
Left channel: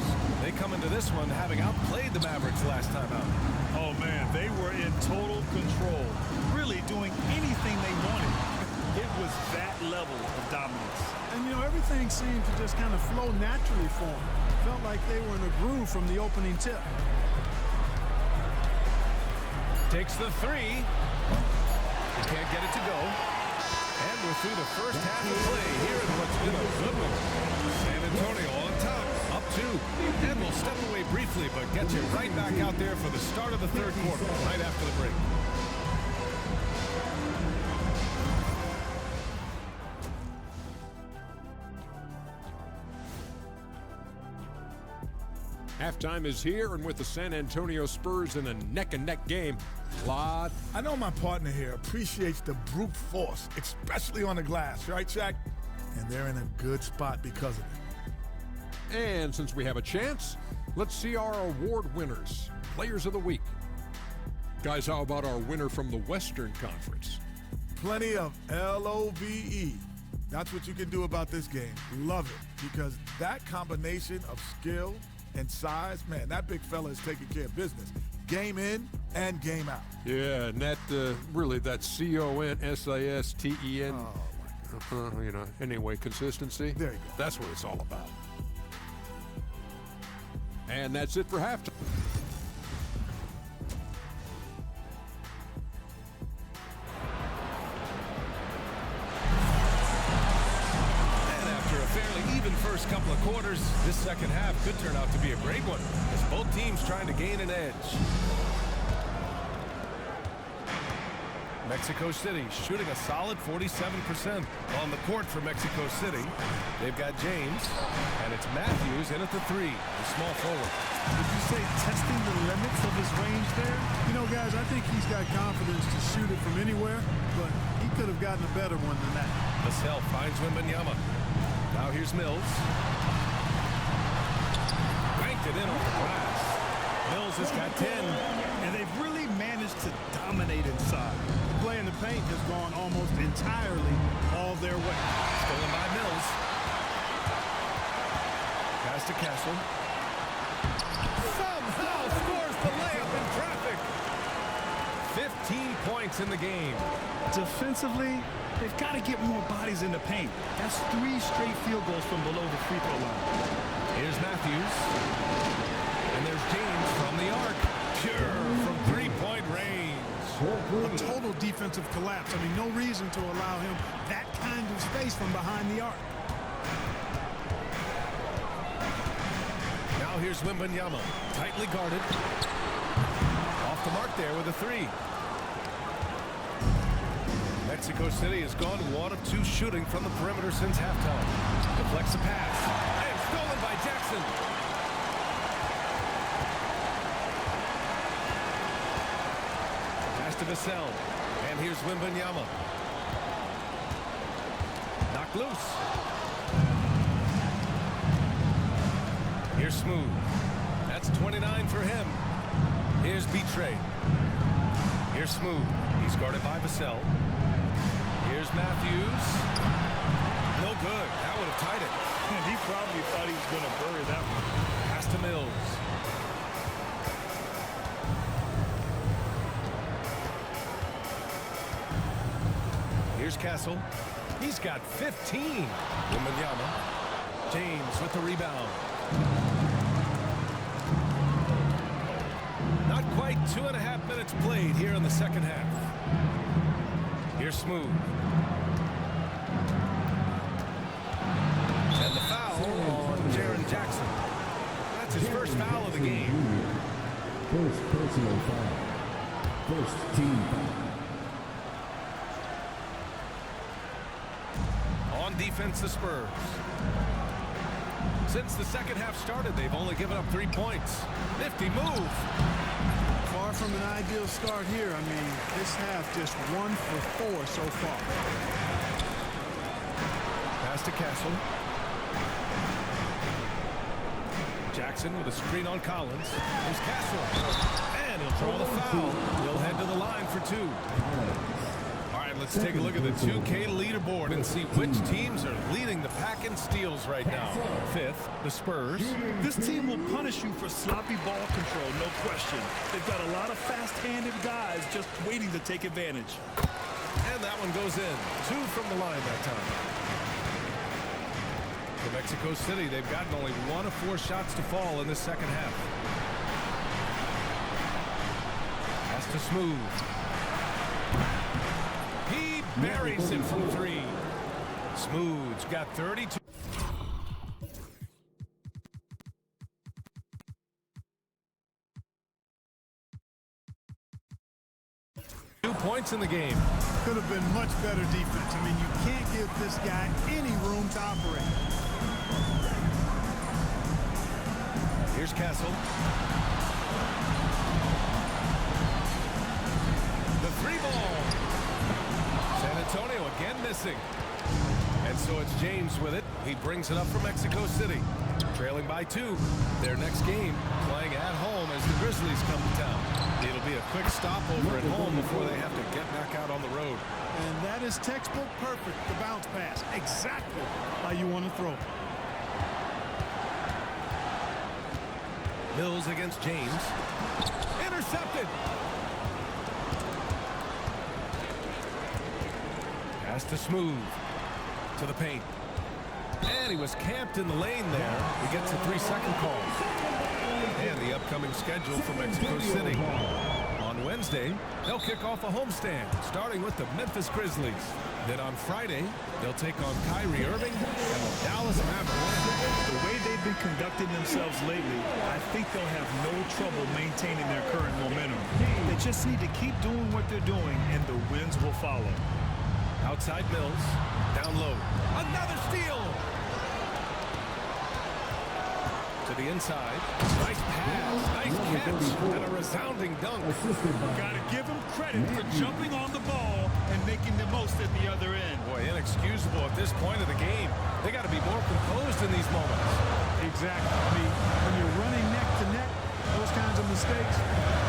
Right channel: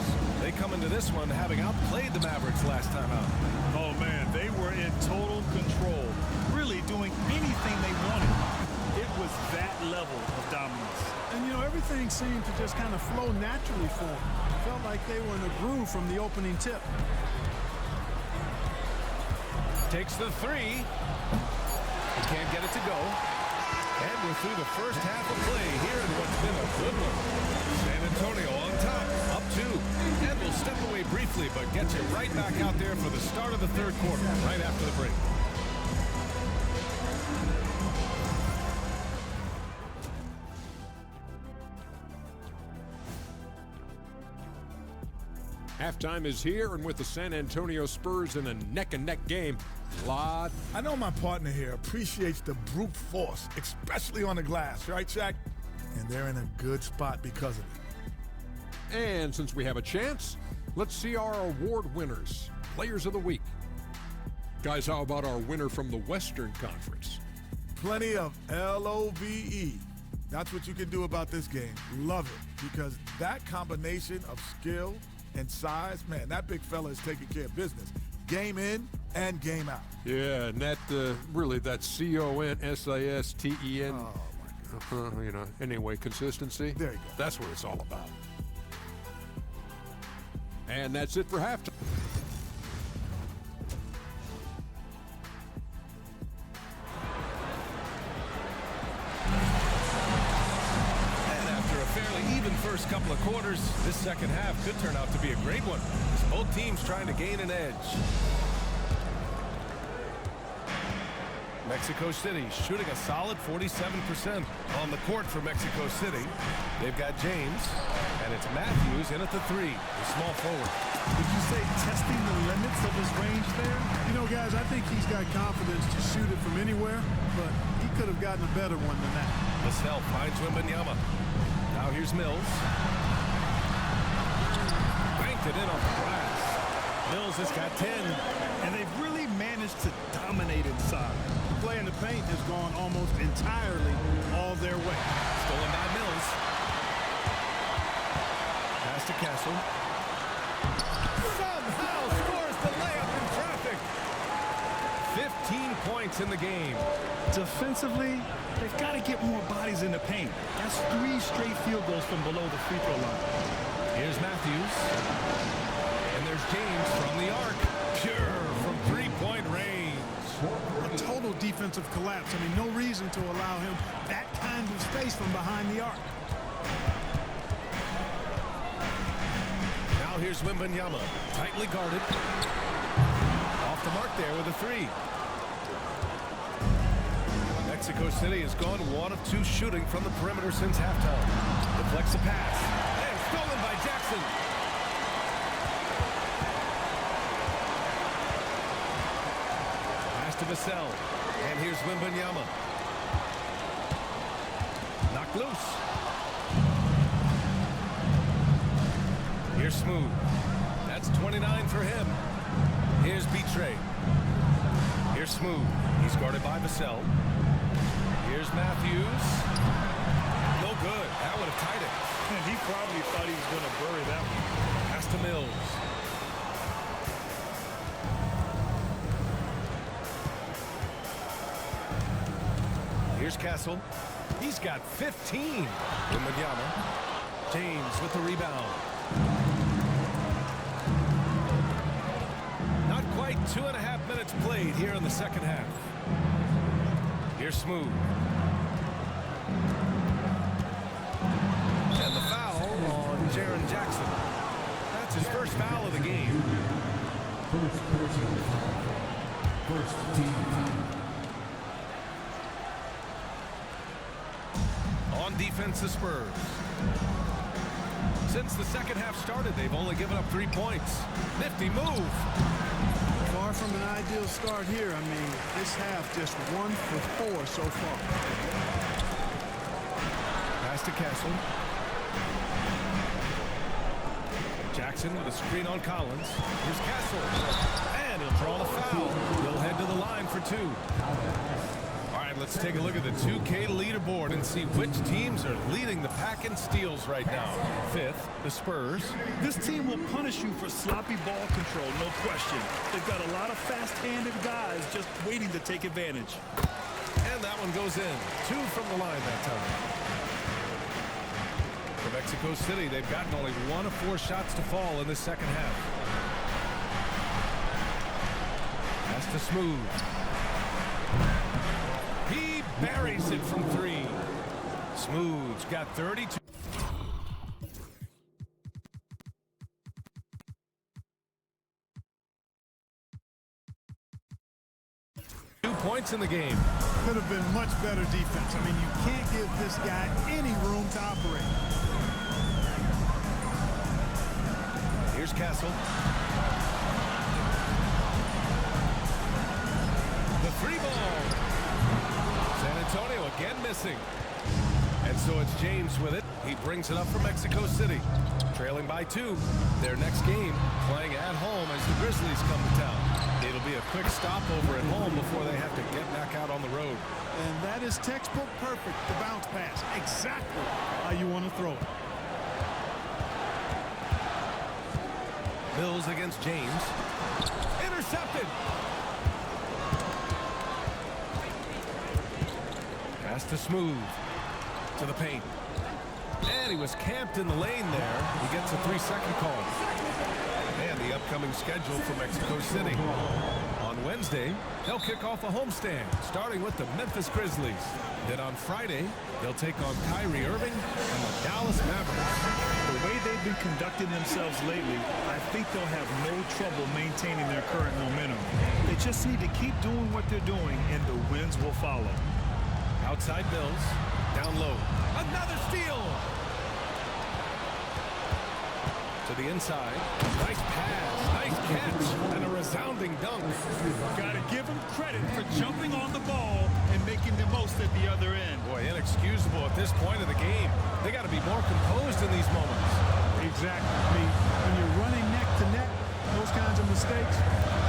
They come into this one having outplayed the Mavericks last time out. Oh, man, they were in total control, really doing anything they wanted. It was that level of dominance. And, you know, everything seemed to just kind of flow naturally for them. Felt like they were in a groove from the opening tip. Takes the three. He can't get it to go. And we're through the first half of play here in what's been a good one. San Antonio on top, up 2. And we'll step away briefly, but get you right back out there for the start of the third quarter, right after the break. Halftime is here, and with the San Antonio Spurs in a neck-and-neck game, I know my partner here appreciates the brute force, especially on the glass, right, Shaq? And they're in a good spot because of it. And since we have a chance, let's see our award winners, Players of the Week. Guys, how about our winner from the Western Conference? Plenty of LOVE. That's what you can do about this game. Love it, because that combination of skill and size, man, that big fella is taking care of business. Game in and game out. Yeah, and that, really, that CONSISTEN. Oh, my God. You know, anyway, consistency. There you go. That's what it's all about. And that's it for halftime. And after a fairly even first couple of quarters, this second half could turn out to be a great one, as both teams trying to gain an edge. Mexico City shooting a solid 47% on the court for Mexico City. They've got James, and it's Matthews in at the 3, the small forward. Would you say testing the limits of his range there? You know, guys, I think he's got confidence to shoot it from anywhere, but he could have gotten a better one than that. Vassell finds Wembanyama. Now here's Mills. Banked it in off the glass. Mills has got 10. And they've really managed to dominate inside. The play in the paint has gone almost entirely all their way. Stolen by Mills. Pass to Castle. Somehow scores the layup in traffic. 15 points in the game. Defensively, they've got to get more bodies in the paint. That's 3 straight field goals from below the free throw line. Here's Matthews. And there's James from the arc. Pure from three-point range. A total defensive collapse. I mean, no reason to allow him that kind of space from behind the arc. Now here's Wembanyama, tightly guarded. Off the mark there with a 3. Mexico City has gone 1 of 2 shooting from the perimeter since halftime. Deflects a pass. And stolen by Jackson. Pass to Vassell. And here's Wembanyama. Knocked loose. Here's Smooth. That's 29 for him. Here's Betray. Here's Smooth. He's guarded by Vassell. Here's Matthews. No good. That would have tied it. And he probably thought he was going to bury that one. Pass to Mills. Here's Castle. He's got 15. Wembanyama. James with the rebound. Not quite 2.5 minutes played here in the second half. Here's Smooth. And the foul on Jaren Jackson. That's his first foul of the game. First personal foul. First team foul. On defense, the Spurs. Since the second half started, they've only given up 3 points. Nifty move. Far from an ideal start here. I mean, this half just 1 for 4 so far. Pass to Castle. Jackson with a screen on Collins. Here's Castle. And he'll draw the foul. He'll head to the line for 2. All right, let's take a look at the 2K leaderboard and see which teams are leading the pack in steals right now. 5th, the Spurs. This team will punish you for sloppy ball control, no question. They've got a lot of fast-handed guys just waiting to take advantage. And that one goes in. 2 from the line that time. For Mexico City, they've gotten only 1 of 4 shots to fall in the second half. Pass to Smooth. He buries it from 3. Smooth's got 32. Points in the game. Could have been much better defense. I mean, you can't give this guy any room to operate. Here's Castle. The 3-ball. San Antonio again missing. And so it's James with it. He brings it up for Mexico City. Trailing by 2. Their next game playing at home as the Grizzlies come to town. It'll be a quick stopover at home before they have to get back out on the road. And that is textbook perfect, the bounce pass. Exactly how you want to throw it. Mills against James. Intercepted. Pass to Smooth. To the paint. And he was camped in the lane there. He gets a 3-second call. And the upcoming schedule for Mexico City. On Wednesday, they'll kick off a homestand, starting with the Memphis Grizzlies. Then on Friday, they'll take on Kyrie Irving and the Dallas Mavericks. The way they've been conducting themselves lately, I think they'll have no trouble maintaining their current momentum. They just need to keep doing what they're doing, and the wins will follow. Outside Mills, down low. Another steal! To the inside. Nice pass, nice catch, and a resounding dunk. Got to give him credit for jumping on the ball and making the most at the other end. Boy, inexcusable at this point of the game. They got to be more composed in these moments. Exactly. I mean, when you're running neck to neck, those kinds of mistakes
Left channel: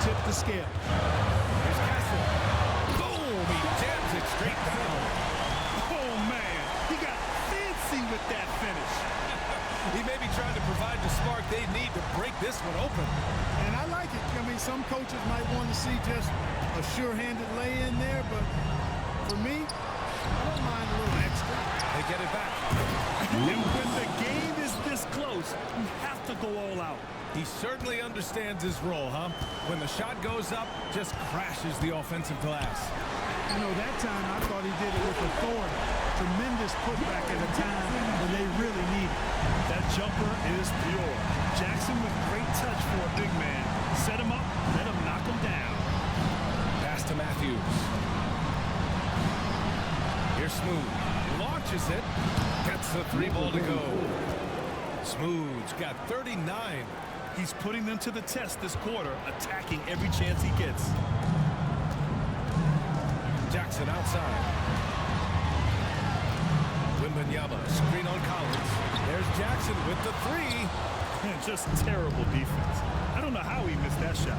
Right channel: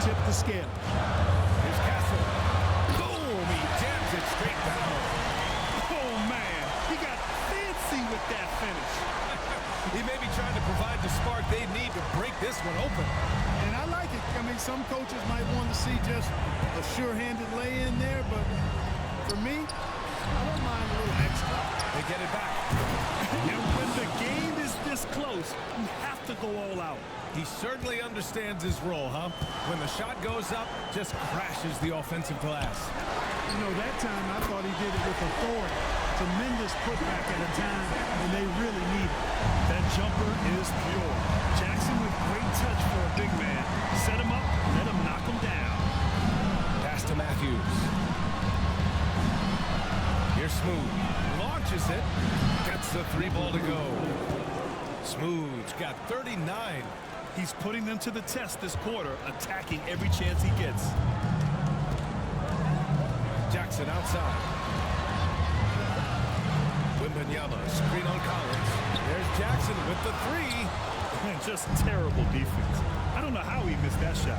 tip the scale. Here's Castle. Boom! He jams it straight down. Oh, man. He got fancy with that finish. He may be trying to provide the spark they need to break this one open. And I like it. I mean, some coaches might want to see just a sure-handed lay-in there, but for me, I don't mind a little extra. They get it back. And when the game is this close, you have to go all out. He certainly understands his role, huh? When the shot goes up, just crashes the offensive glass. You know, that time I thought he did it with authority. Tremendous putback at a time when they really need it. That jumper is pure. Jackson with great touch for a big man. Set him up, let him knock him down. Pass to Matthews. Here's Smooth. Launches it. Gets the 3-ball to go. Smooth's got 39. He's putting them to the test this quarter, attacking every chance he gets. Jackson outside. Wembanyama, screen on Collins. There's Jackson with the 3. And just terrible defense. I don't know how he missed that shot.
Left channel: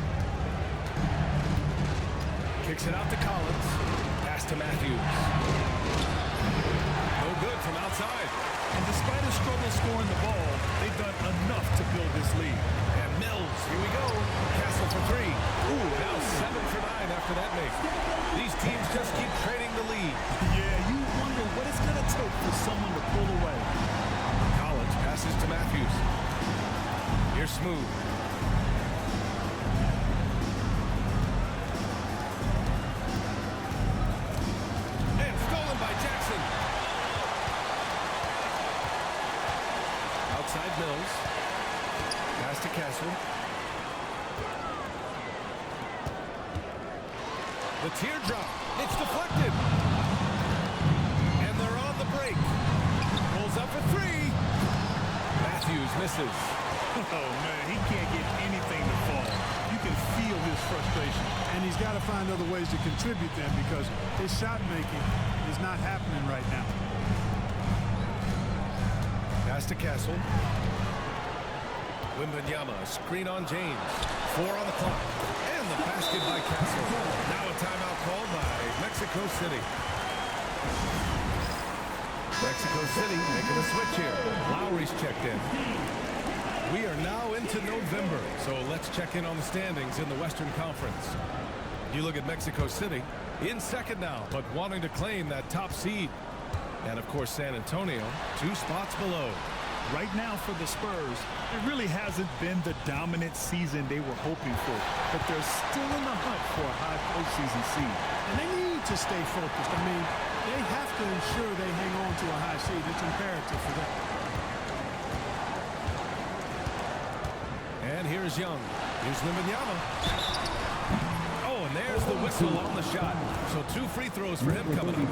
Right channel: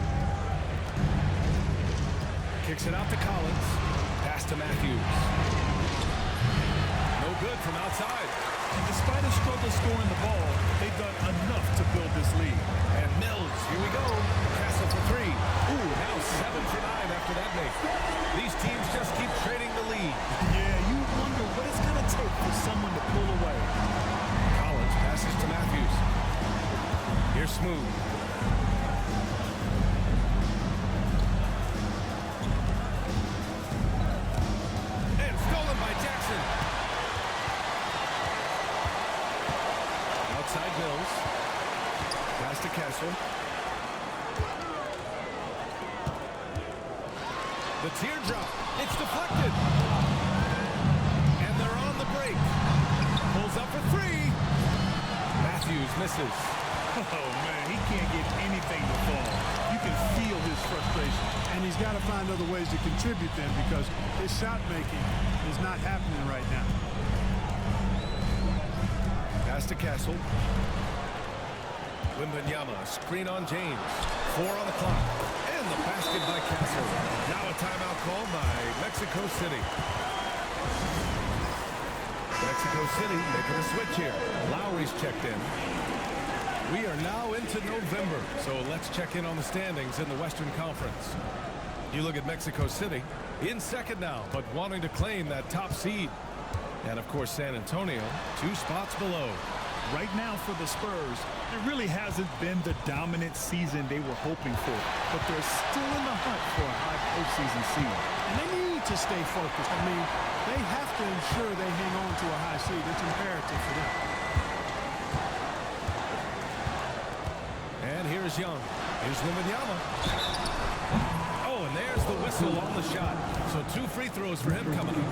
Kicks it out to Collins. Pass to Matthews. No good from outside. And despite a struggle scoring the ball, they've done enough to build this lead. And Mills, here we go. Castle for 3. Ooh, now 7 for 9 after that make. These teams just keep trading the lead. Yeah, you wonder what it's going to take for someone to pull away. Collins passes to Matthews. Here's Smooth. And stolen by Jackson. Outside Mills. Pass to Castle. The teardrop. It's deflected. And they're on the break. Pulls up for 3. Matthews misses. Oh, man, he can't get anything to fall. You can feel his frustration. And he's got to find other ways to contribute then because his shot making is not happening right now. Pass to Castle. Wembanyama, screen on James. 4 on the clock. And the basket by Castle. Now a timeout called by Mexico City. Mexico City making a switch here. Lowry's checked in. We are now into November, so let's check in on the standings in the Western Conference. You look at Mexico City, in second now, but wanting to claim that top seed. And of course, San Antonio, 2 spots below. Right now for the Spurs, it really hasn't been the dominant season they were hoping for, but they're still in the hunt for a high postseason seed. And they need to stay focused. I mean, they have to ensure they hang on to a high seed. It's imperative for them. And here's Young. Here's Wembanyama. Oh, and there's the whistle on the shot. So 2 free throws for him coming up.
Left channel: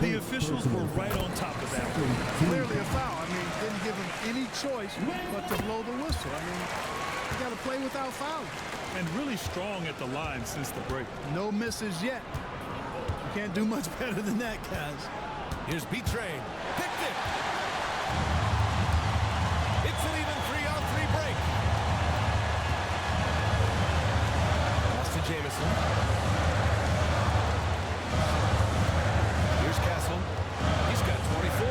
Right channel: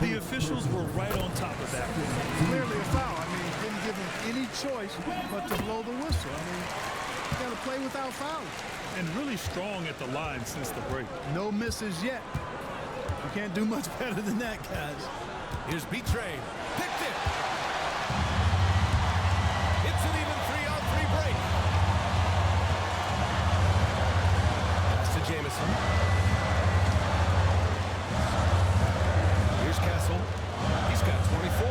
The officials were right on top of that one. Clearly a foul. I mean, didn't give him any choice but to blow the whistle. I mean, you got to play without fouling. And really strong at the line since the break. No misses yet. You can't do much better than that, guys. Here's B-Train. Picked it. It's an even 3-on-3 break. Pass to Jamison. Here's Castle. He's got 24.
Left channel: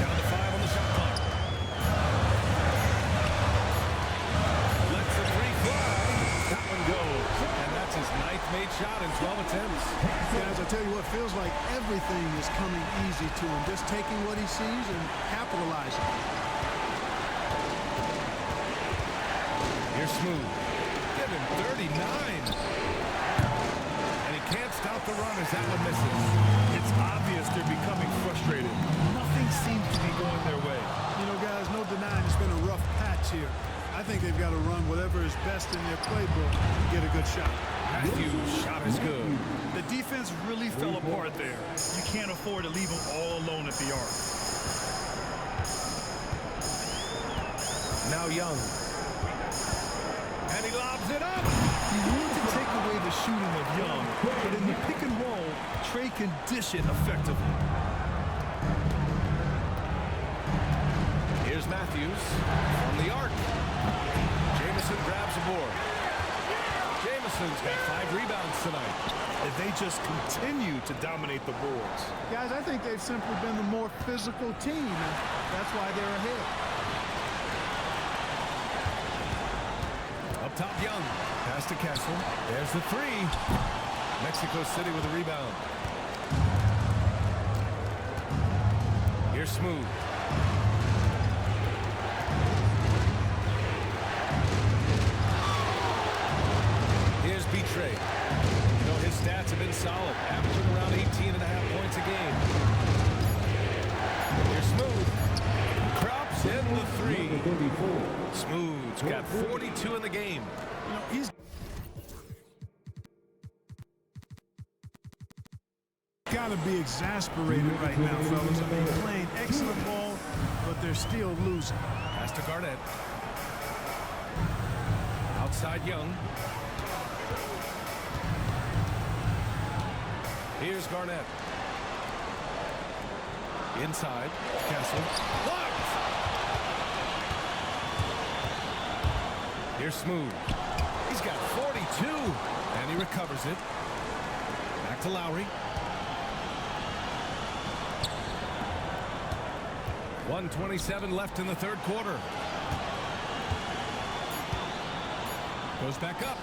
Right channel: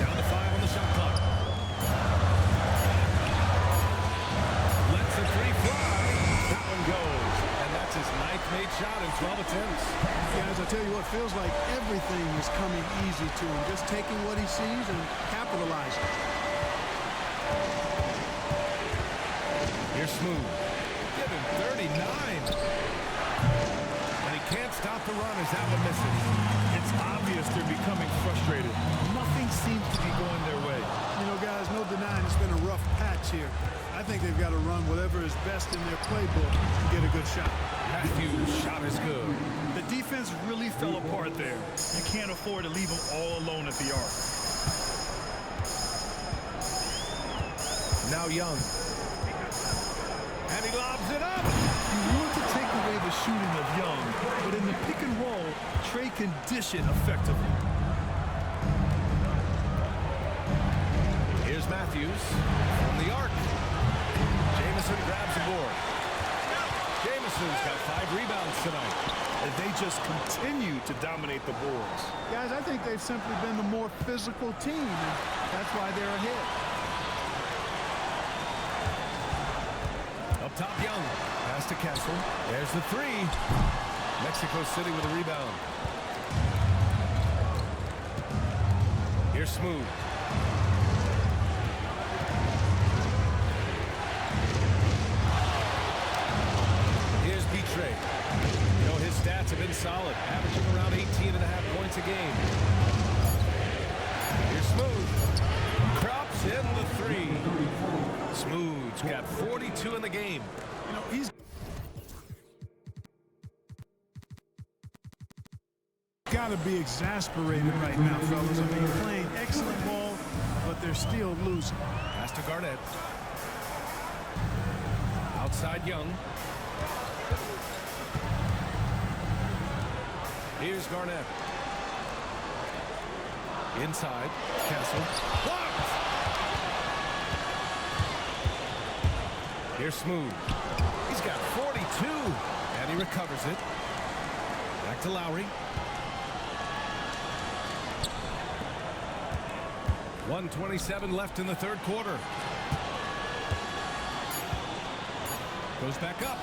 Down to 5 on the shot clock. Lets a 3 fly. That one goes. And that's his 9th made shot in 12 attempts. Guys, I tell you what, feels like everything is coming easy to him. Just taking what he sees and capitalizing. Here's Smooth. Give him 39. And he can't stop the run as that one misses. It's obvious they're becoming frustrated. Nothing seems to be going their way. You know, guys, no denying it's been a rough patch here. I think they've got to run whatever is best in their playbook to get a good shot. Matthews' shot is good. The defense really fell apart there. You can't afford to leave them all alone at the arc. Now Young. And he lobs it up. You want to take away the shooting of Young, but in the pick and roll, Trey can dish it effectively. Here's Matthews from the arc. Jamison grabs the board. Jamison's got 5 rebounds tonight. And they just continue to dominate the boards. Guys, I think they've simply been the more physical team, and that's why they're ahead. Up top, Young. Pass to Castle. There's the 3. Mexico City with a rebound. Here's Smooth. Here's B-Trade. You know, his stats have been solid, averaging around 18.5 points a game. Here's Smooth. Crops in the 3. Smooth's got 42 in the game. You know, he's got to be exasperated right now, fellas. I mean, playing excellent ball, but they're still losing. Pass to Garnett. Outside Young. Here's Garnett. Inside, Castle. Blocked! Here's Smooth. He's got 42, and he recovers it. Back to Lowry. 1:27 left in the 3rd quarter. Goes back up.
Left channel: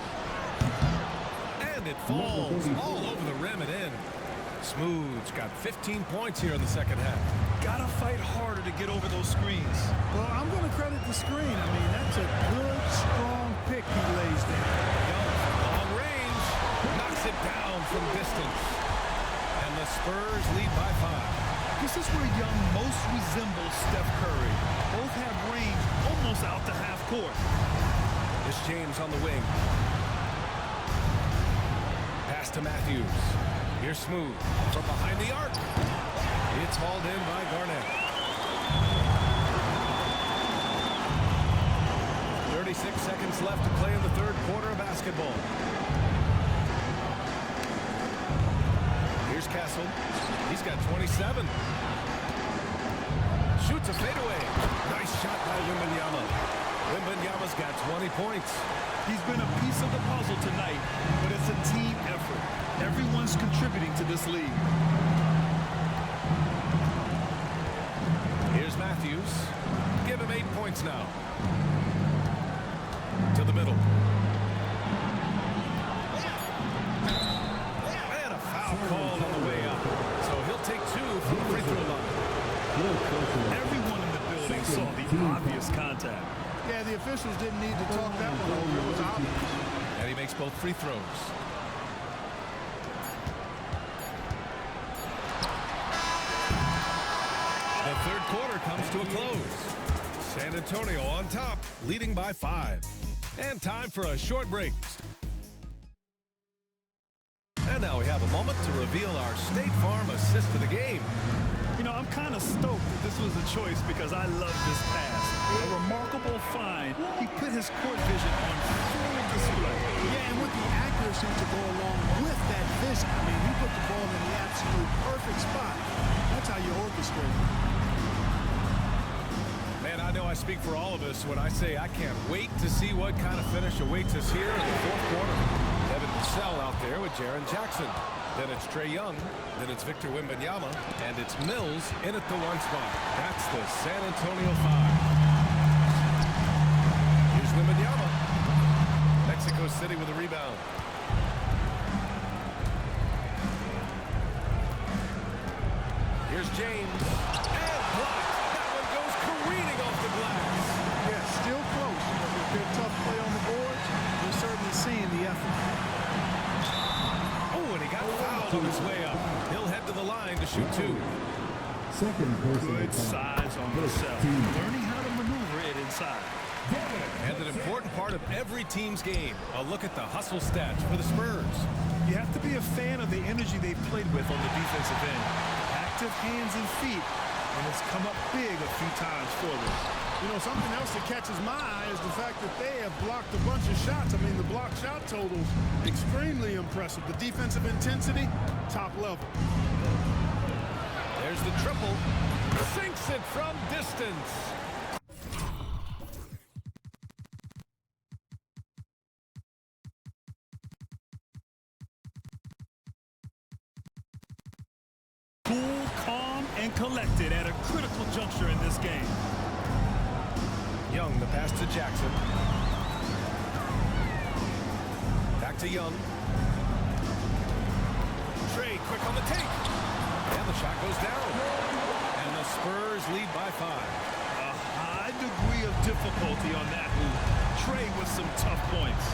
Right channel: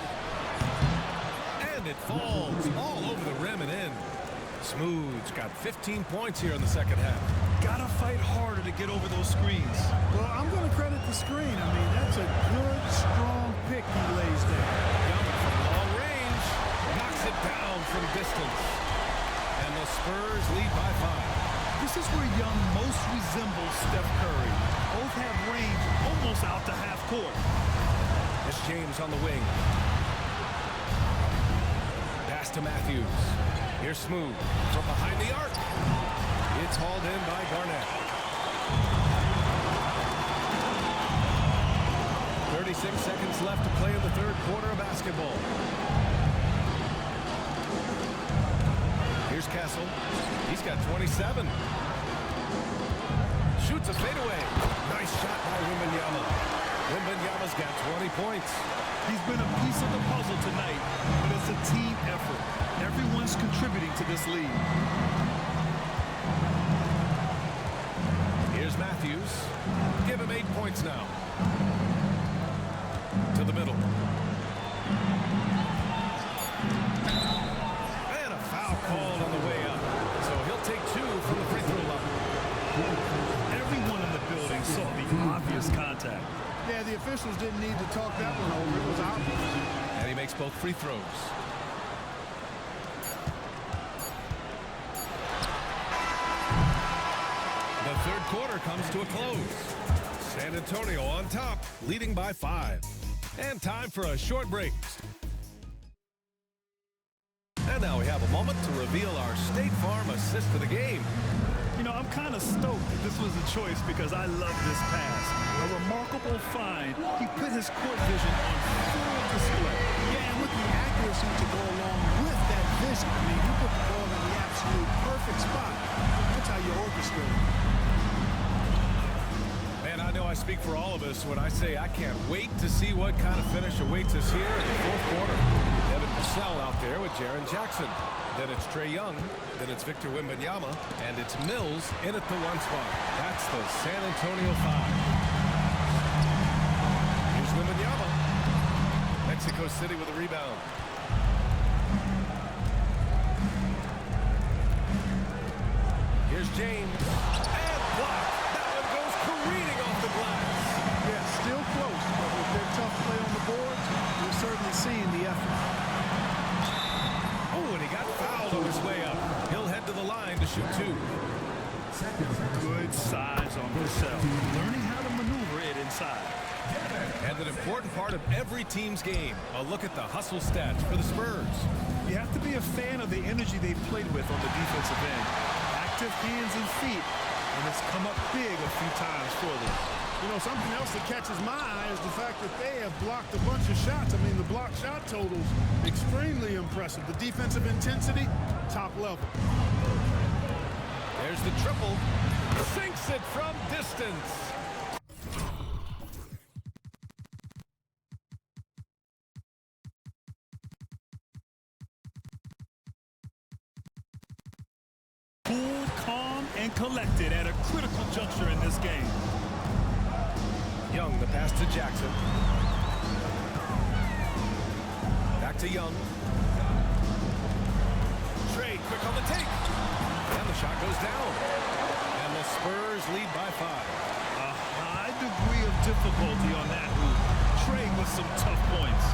And it falls all over the rim and in. Smooth's got 15 points here in the 2nd half. Gotta fight harder to get over those screens. Well, I'm going to credit the screen. I mean, that's a good, strong pick he lays there. Young from long range knocks it down from distance. And the Spurs lead by 5. This is where Young most resembles Steph Curry. Both have range almost out to half court. It's James on the wing. Pass to Matthews. Here's Smooth from behind the arc. It's hauled in by Garnett. 36 seconds left to play in the third quarter of basketball. Here's Castle. He's got 27. Shoots a fadeaway. Nice shot by Wembanyama. Wembanyama's got 20 points. He's been a piece of the puzzle tonight, but it's a team effort. Everyone's contributing to this lead. Here's Matthews. Give him 8 points now. To the middle. And a foul called on the way up. So he'll take 2 from the free throw line. Everyone in the building saw the obvious contact. Yeah, the officials didn't need to talk that one over. It was obvious. And he makes both free throws. The third quarter comes to a close. San Antonio on top, leading by 5. And time for a short break. And now we have a moment to reveal our State Farm assist of the game. You know, I'm kind of stoked that this was a choice because I love this pass. A remarkable find. He put his court vision on full display. Yeah, and with the accuracy to go along with that vision. I mean, he put the ball in the absolute perfect spot. That's how you orchestrate it. Man, I know I speak for all of us when I say I can't wait to see what kind of finish awaits us here in the fourth quarter. Devin Vassell out there with Jaren Jackson. Then it's Trae Young. Then it's Victor Wembanyama. And it's Mills in at the 1 spot. That's the San Antonio 5. Here's Wembanyama. Mexico City with a rebound. Here's James. And blocked. That one goes careening off the glass. Yeah, still close, but with their tough play on the boards, we're certainly seeing the effort. Oh, and he got fouled on his way up. He'll head to the line to shoot 2. Good size on Vassell. Learning how to maneuver it inside. And an important part of every team's game, a look at the hustle stats for the Spurs. You have to be a fan of the energy they've played with on the defensive end. Active hands and feet, and it's come up big a few times for them. You know, something else that catches my eye is the fact that they have blocked a bunch of shots. I mean, the block shot totals, extremely impressive. The defensive intensity, top level. There's the triple. Sinks it from distance. Cool, calm, and collected at a critical juncture in this game. Young, the pass to Jackson. Back to Young. Trae quick on the take. And the shot goes down. And the Spurs lead by 5. A high degree of difficulty on that hoop. Trae with some tough points.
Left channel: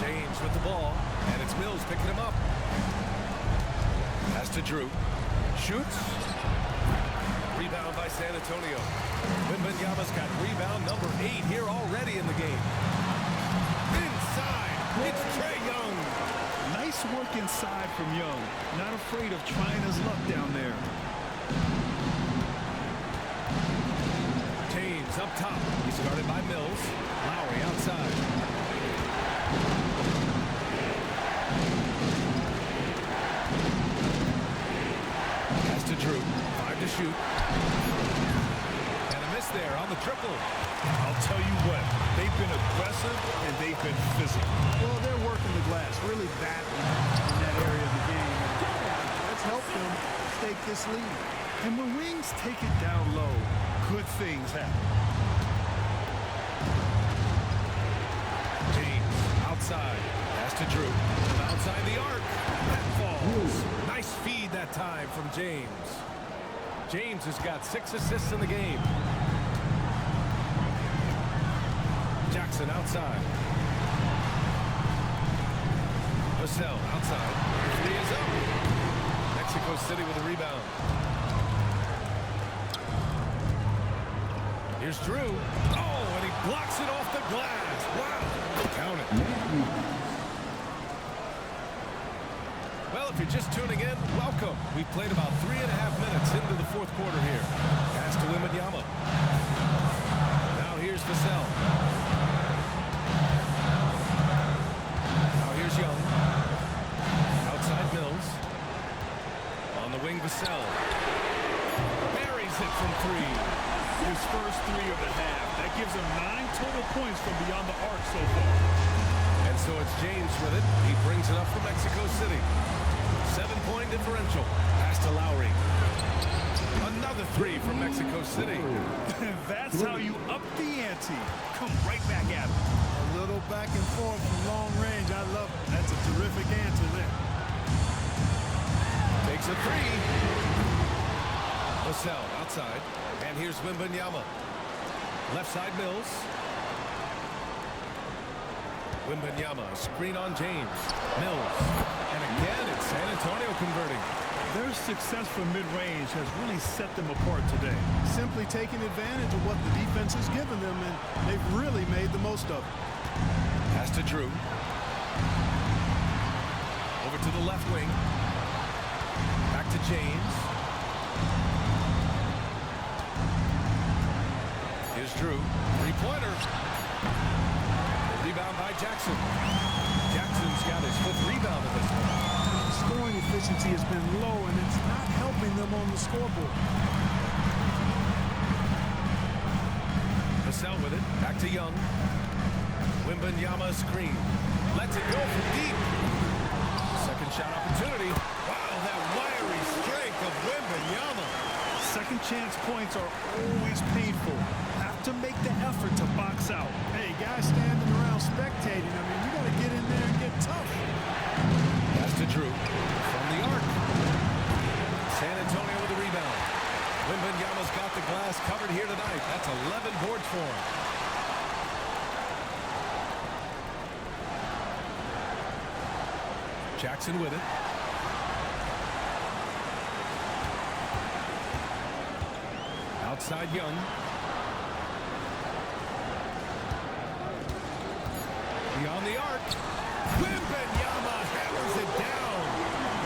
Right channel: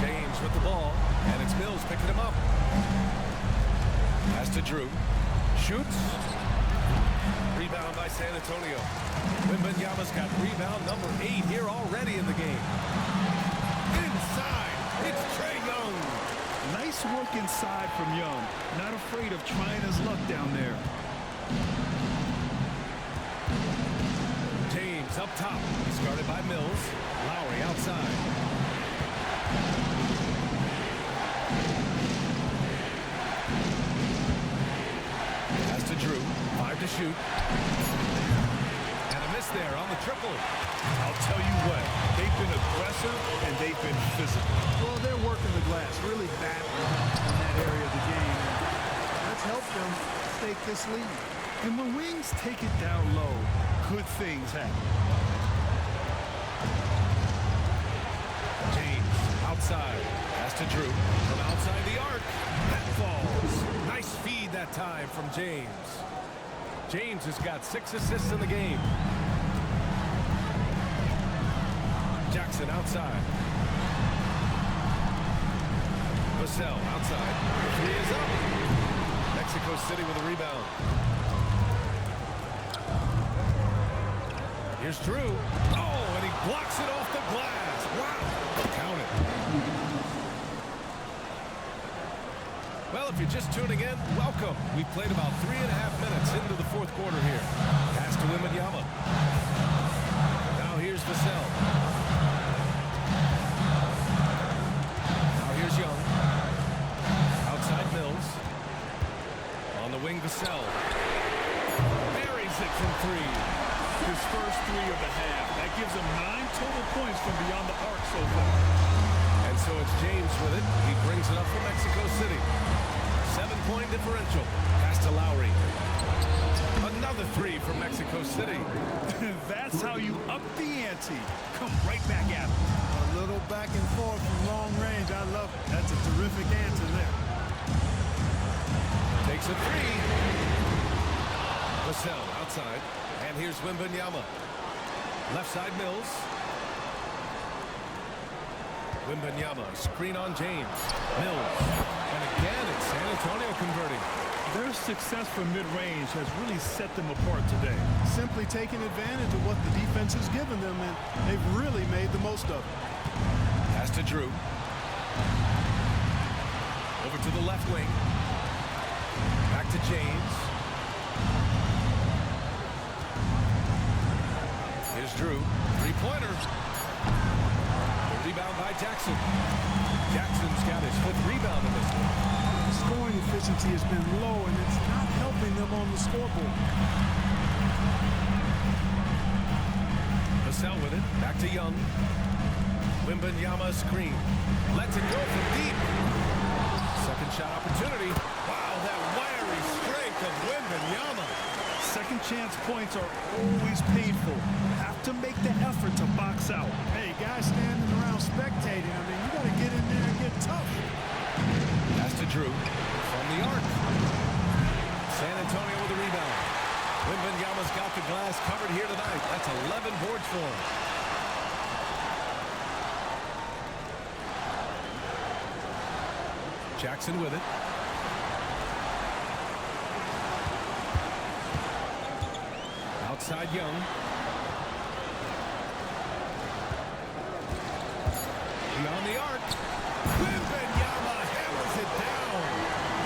James with the ball. And it's Mills picking him up. Pass to Drew. Shoots. Rebound by San Antonio. Wembanyama's got rebound number 8 here already in the game. Inside, it's Trae Young. Nice work inside from Young. Not afraid of trying his luck down there. James up top. He's guarded by Mills. Lowry outside. Pass to Drew. 5 to shoot. And a miss there on the triple. I'll tell you what, they've been aggressive and they've been physical. Well, they're working the glass, really battling in that area of the game, and that's helped them stake this lead. And when Wings take it down low, good things happen. James outside. Pass to Drew from outside the arc. That falls. Nice feed that time from James. James has got 6 assists in the game. Jackson outside. Vassell outside. The 3 is up. Mexico City with a rebound. Here's Drew. Oh, and he blocks it off the glass. Wow. Count it. Well, if you're just tuning in, welcome. We've played about 3.5 minutes into the fourth quarter here. Pass to Wembanyama. Now here's Vassell. Now here's Young. Outside Mills. On the wing, Vassell. Buries it from 3. His first 3 of the half. That gives him 9 total points from beyond the arc so far. And so it's James with it. He brings it up from Mexico City. 7-point differential. Pass to Lowry. Another 3 from Mexico City. That's how you up the ante. Come right back at him. A little back and forth from long range. I love it. That's a terrific answer there. Takes a 3. Vassell outside. And here's Wembanyama. Left side Mills. Wembanyama, screen on James. Mills. And again, it's San Antonio converting. Their success from mid-range has really set them apart today. Simply taking advantage of what the defense has given them, and they've really made the most of it. Pass to Drew. Over to the left wing. Back to James. Here's Drew. 3-pointer. The rebound by Jackson. Jackson's got his 5th rebound in this one. Scoring efficiency has been low, and it's not helping them on the scoreboard. Vassell with it. Back to Young. Wembanyama screen. Lets it go from deep. Second shot opportunity. Wow, that wiry strength of Wembanyama. Second chance points are always painful. Have to make the effort to box out. Hey, guys standing around spectating, I mean, you got to get in there and get tough. Pass to Drew from the arc. San Antonio with the rebound. Wembanyama's got the glass covered here tonight. That's 11 boards for him. Jackson with it. Outside Young. Beyond the arc. Wembanyama hammers it down.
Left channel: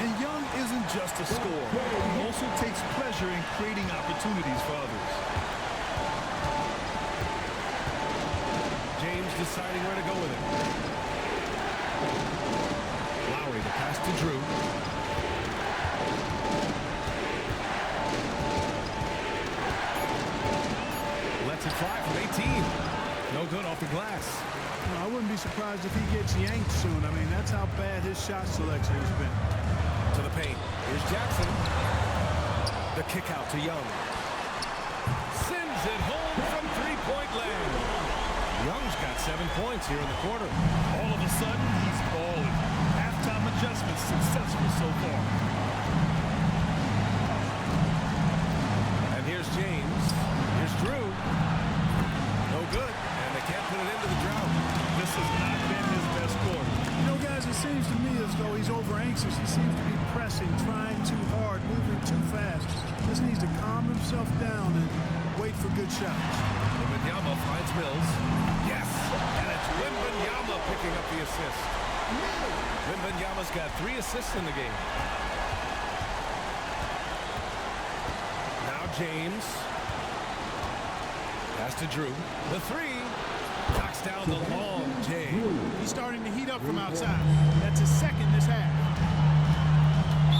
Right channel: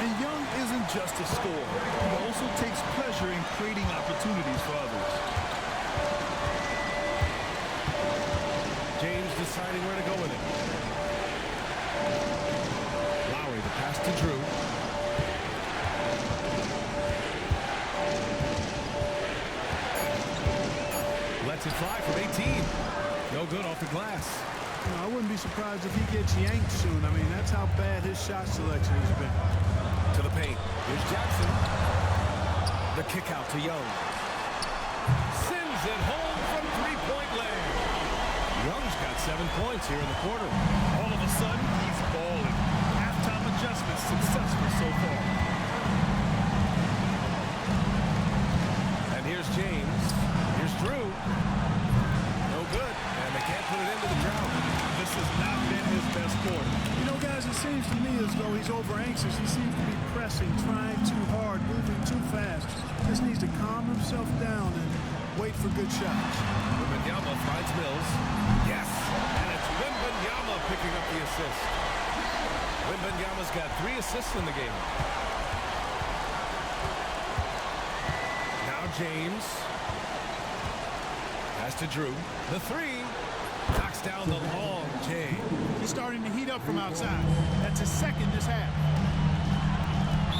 And Young isn't just a scorer. He also takes pleasure in creating opportunities for others. James deciding where to go with it. Lowry, the pass to Drew. Lets it fly from 18. No good off the glass. You know, I wouldn't be surprised if he gets yanked soon. I mean, that's how bad his shot selection has been. To the paint. Here's Jackson. The kick out to Young. Sends it home from 3-point land. Young's got 7 points here in the quarter. All of a sudden, he's balling. Halftime adjustment successful so far. And here's James. Here's Drew. No good. And they can't put it into the drought. This has not been his best quarter. You know, guys, it seems to me as though he's over anxious. He seems to be pressing, trying too hard, moving too fast. Just needs to calm himself down and wait for good shots. Wembanyama finds Mills. Yes! And it's Wembanyama picking up the assist. Wembanyama's got 3 assists in the game. Now James. Pass to Drew. The 3. Knocks down the long J. He's starting to heat up from outside. That's his 2nd this half.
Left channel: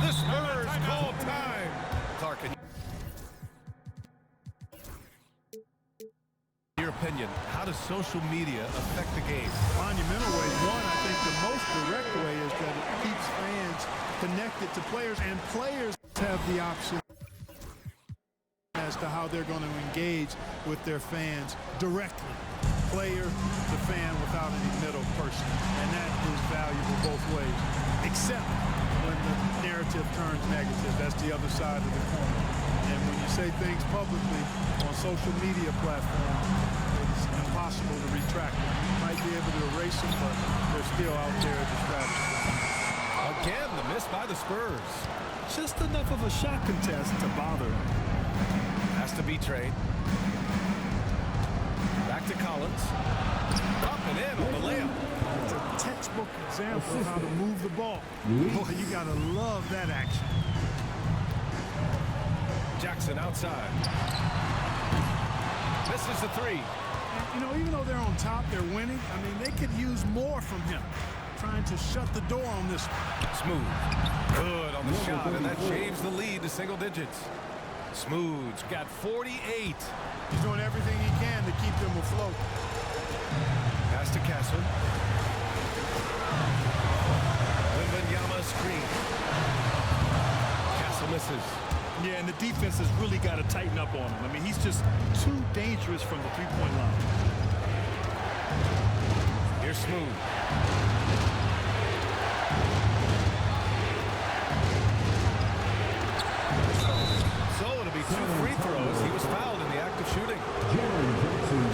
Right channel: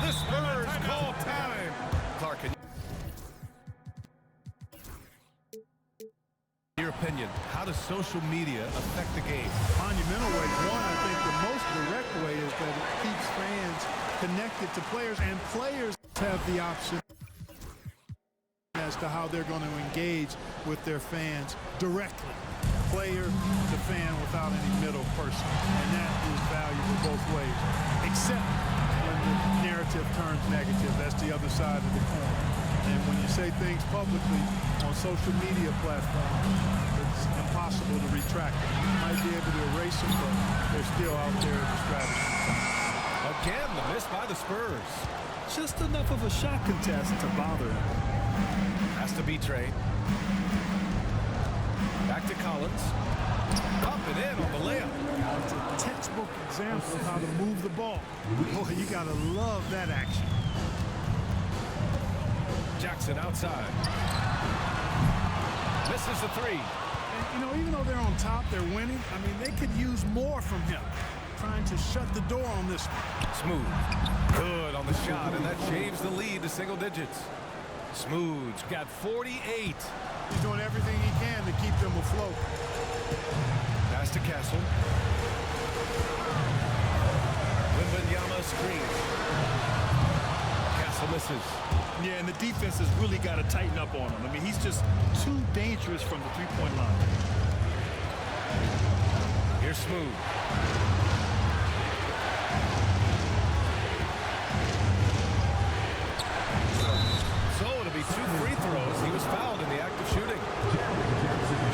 The Spurs call time. Clark, in your opinion, how does social media affect the game? Monumental ways. One, I think the most direct way is that it keeps fans connected to players, and players have the option as to how they're going to engage with their fans directly, player to fan, without any middle person. And that is valuable both ways, except when the narrative turns negative. That's the other side of the coin. And when you say things publicly on social media platforms, it's impossible to retract them. You might be able to erase them, but they're still out there as a strategy. Again, the miss by the Spurs. Just enough of a shot contest to bother him. Has to be trade. Back to Collins. Up and in on the layup. It's a textbook example of how to move the ball. Boy, you gotta love that action. Jackson outside. Misses the 3. And, you know, even though they're on top, they're winning. I mean, they could use more from him, trying to shut the door on this one. Smooth. Good on the shot, and that shaves the lead to single digits. Smooth's got 48. He's doing everything he can to keep them afloat. Pass to Castle. Wembanyama screen. Castle misses. Yeah, and the defense has really got to tighten up on him. I mean, he's just too dangerous from the three-point line. Here's Smooth. So it'll be 2 free throws. He was fouled in the act of shooting.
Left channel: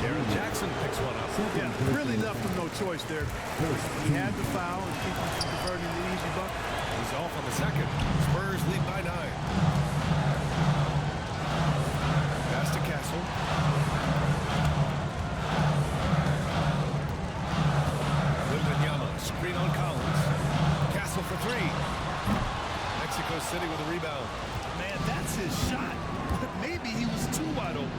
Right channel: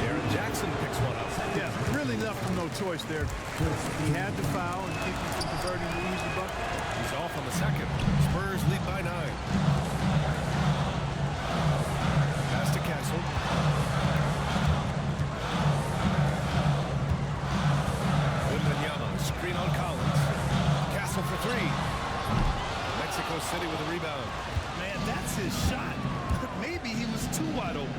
Jaren Jackson picks one up. Yeah, really left him no choice there. He had to foul and keep him from converting the easy bucket. He's off on the second. Spurs lead by 9. Pass to Castle. Wembanyama, screen on Collins. Castle for 3. Mexico City with a rebound. Man, that's his shot. Maybe he was too wide open.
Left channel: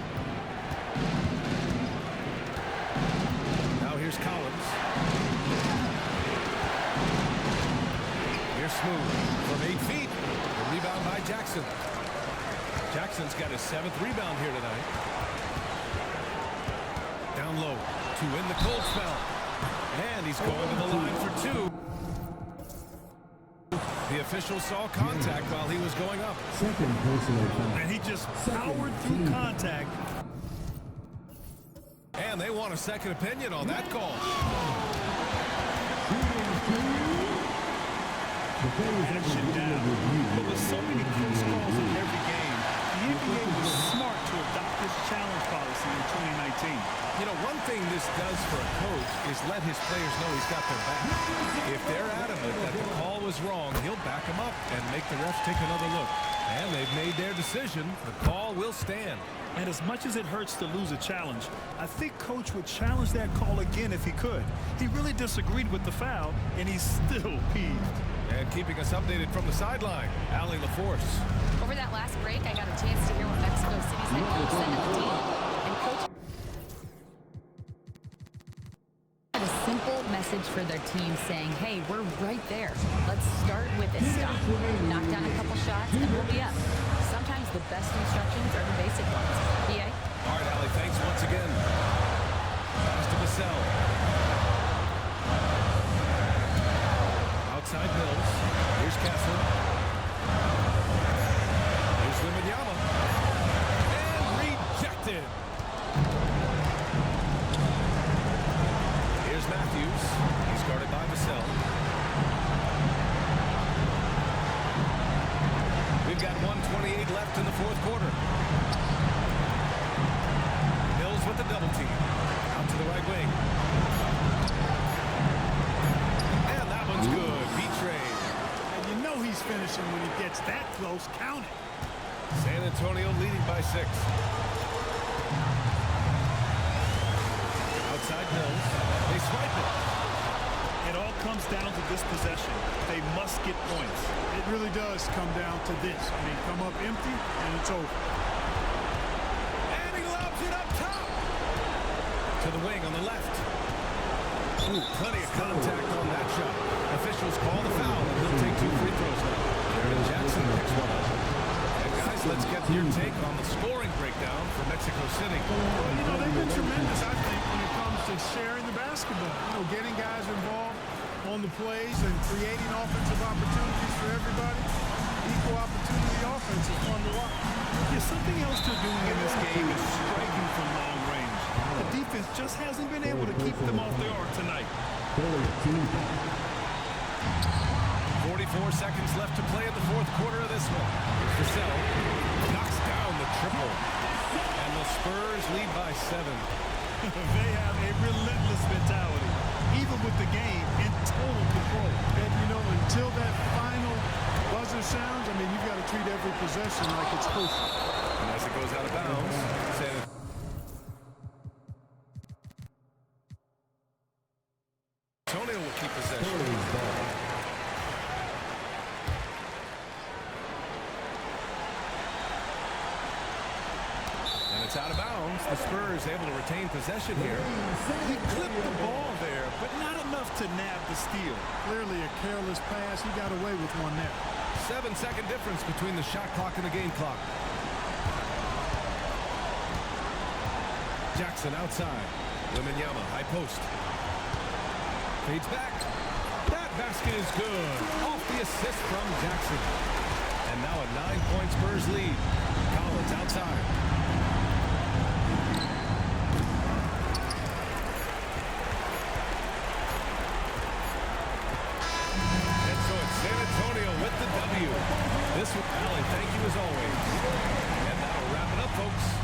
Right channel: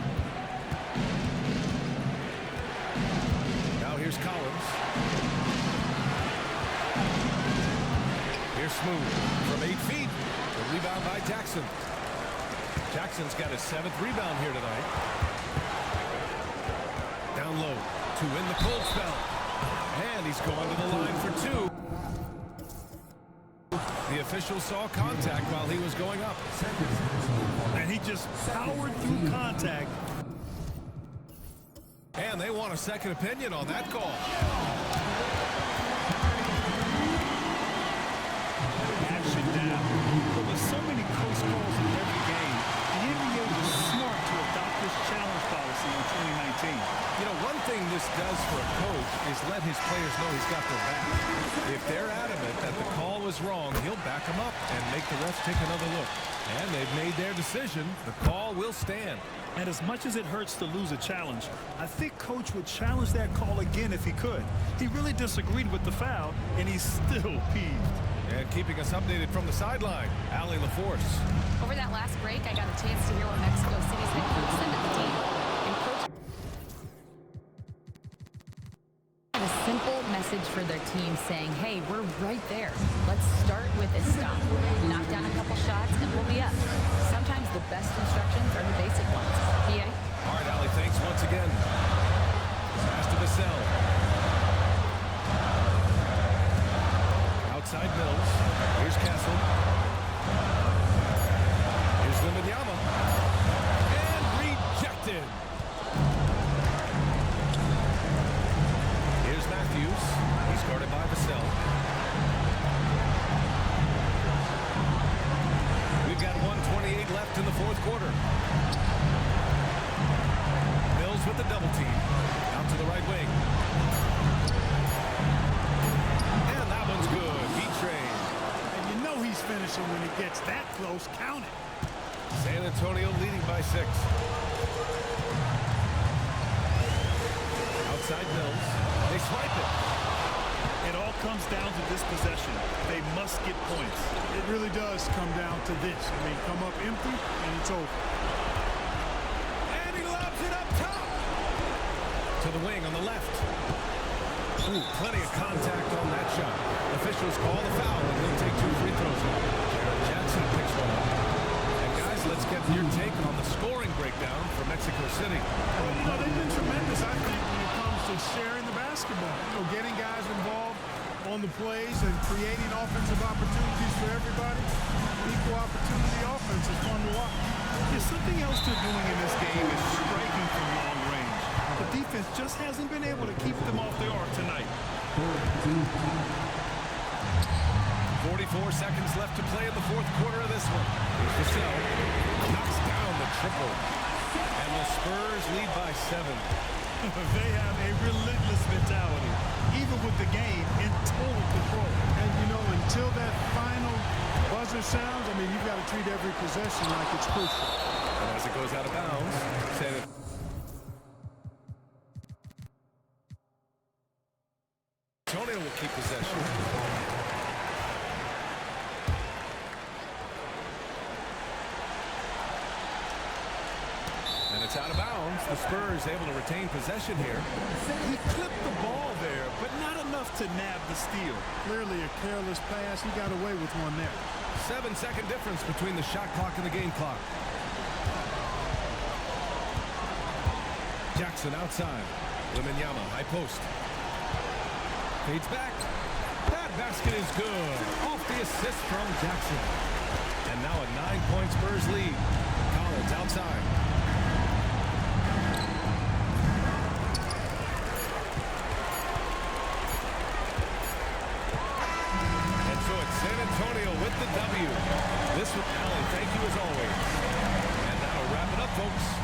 Now here's Collins. Here's Smooth from 8 feet. The rebound by Jackson. Jackson's got his 7th rebound here tonight. Down low to win the cold spell. And he's going to the line for 2. The official saw contact while he was going up. Second personal foul. And he just powered through contact. And they want a second opinion on that call. Action down. But with so many close calls in every game, the NBA was smart to adopt this challenge policy in 2019. You know, one thing this does for a coach is let his players know he's got their back. If they're adamant that the call was wrong, he'll back them up and make the refs take another look. And they've made their decision. The call will stand. And as much as it hurts to lose a challenge, I think Coach would challenge that call again if he could. He really disagreed with the foul, and he's still peeved. And keeping us updated from the sideline, Allie LaForce. Over that last break, I got a chance to hear what Mexico City's head coach said to the team. And Coach had a simple message for their team saying, hey, we're right there. Let's start with a stop. Knock down a couple shots, and we'll be up. Sometimes the best instructions are the basic ones. PA? All right, Allie, thanks once again. Pass to Vassell. Outside Mills. Here's Castle. Here's Wembanyama. And rejected. Here's Matthews. He's guarded by Vassell. We've got 1:28 left in the 4th quarter. Mills with the double team. Out to the right wing. And that one's good. B-Train. And you know he's finishing when he gets that close. Count it. San Antonio leading by 6. Outside Mills. They swipe it. It all comes down to this possession. They must get points. It really does come down to this. I mean, come up empty, and it's over. And he lobs it up top. To the wing on the left. Ooh, plenty of contact on that shot. Officials call the foul, and he'll take 2 free throws now. Jaren Jackson picks one up. And guys, let's get your take on the scoring breakdown for Mexico City. Well, you know, they've been tremendous, I think, when it comes to sharing the basketball. You know, getting guys involved on the plays and creating offensive opportunities for everybody. Equal opportunity offense is fun to watch. Yeah, something else they're doing in this game is striking from long range. The defense just hasn't been able to keep them off the arc tonight. 44 seconds left to play in the 4th quarter of this one. Here's Vassell. Knocks down the triple. And the Spurs lead by 7. They have a relentless mentality, even with the game in total control. And, you know, until that final buzzer sounds, I mean, you've got to treat every possession like it's crucial. And as it goes out of bounds, San Antonio will keep possession. And it's out of bounds. The Spurs able to retain possession here. He clipped the ball there, but not enough to nab the steal. Clearly a careless pass. He got away with one there. 7-second difference between the shot clock and the game clock. Jackson outside. Wembanyama, high post. Fades back. That basket is good. Off the assist from Jackson. And now a 9-point Spurs lead. Collins outside. And so it's San Antonio with the W. This one, Allie, thank you as always. And that'll wrap it up, folks.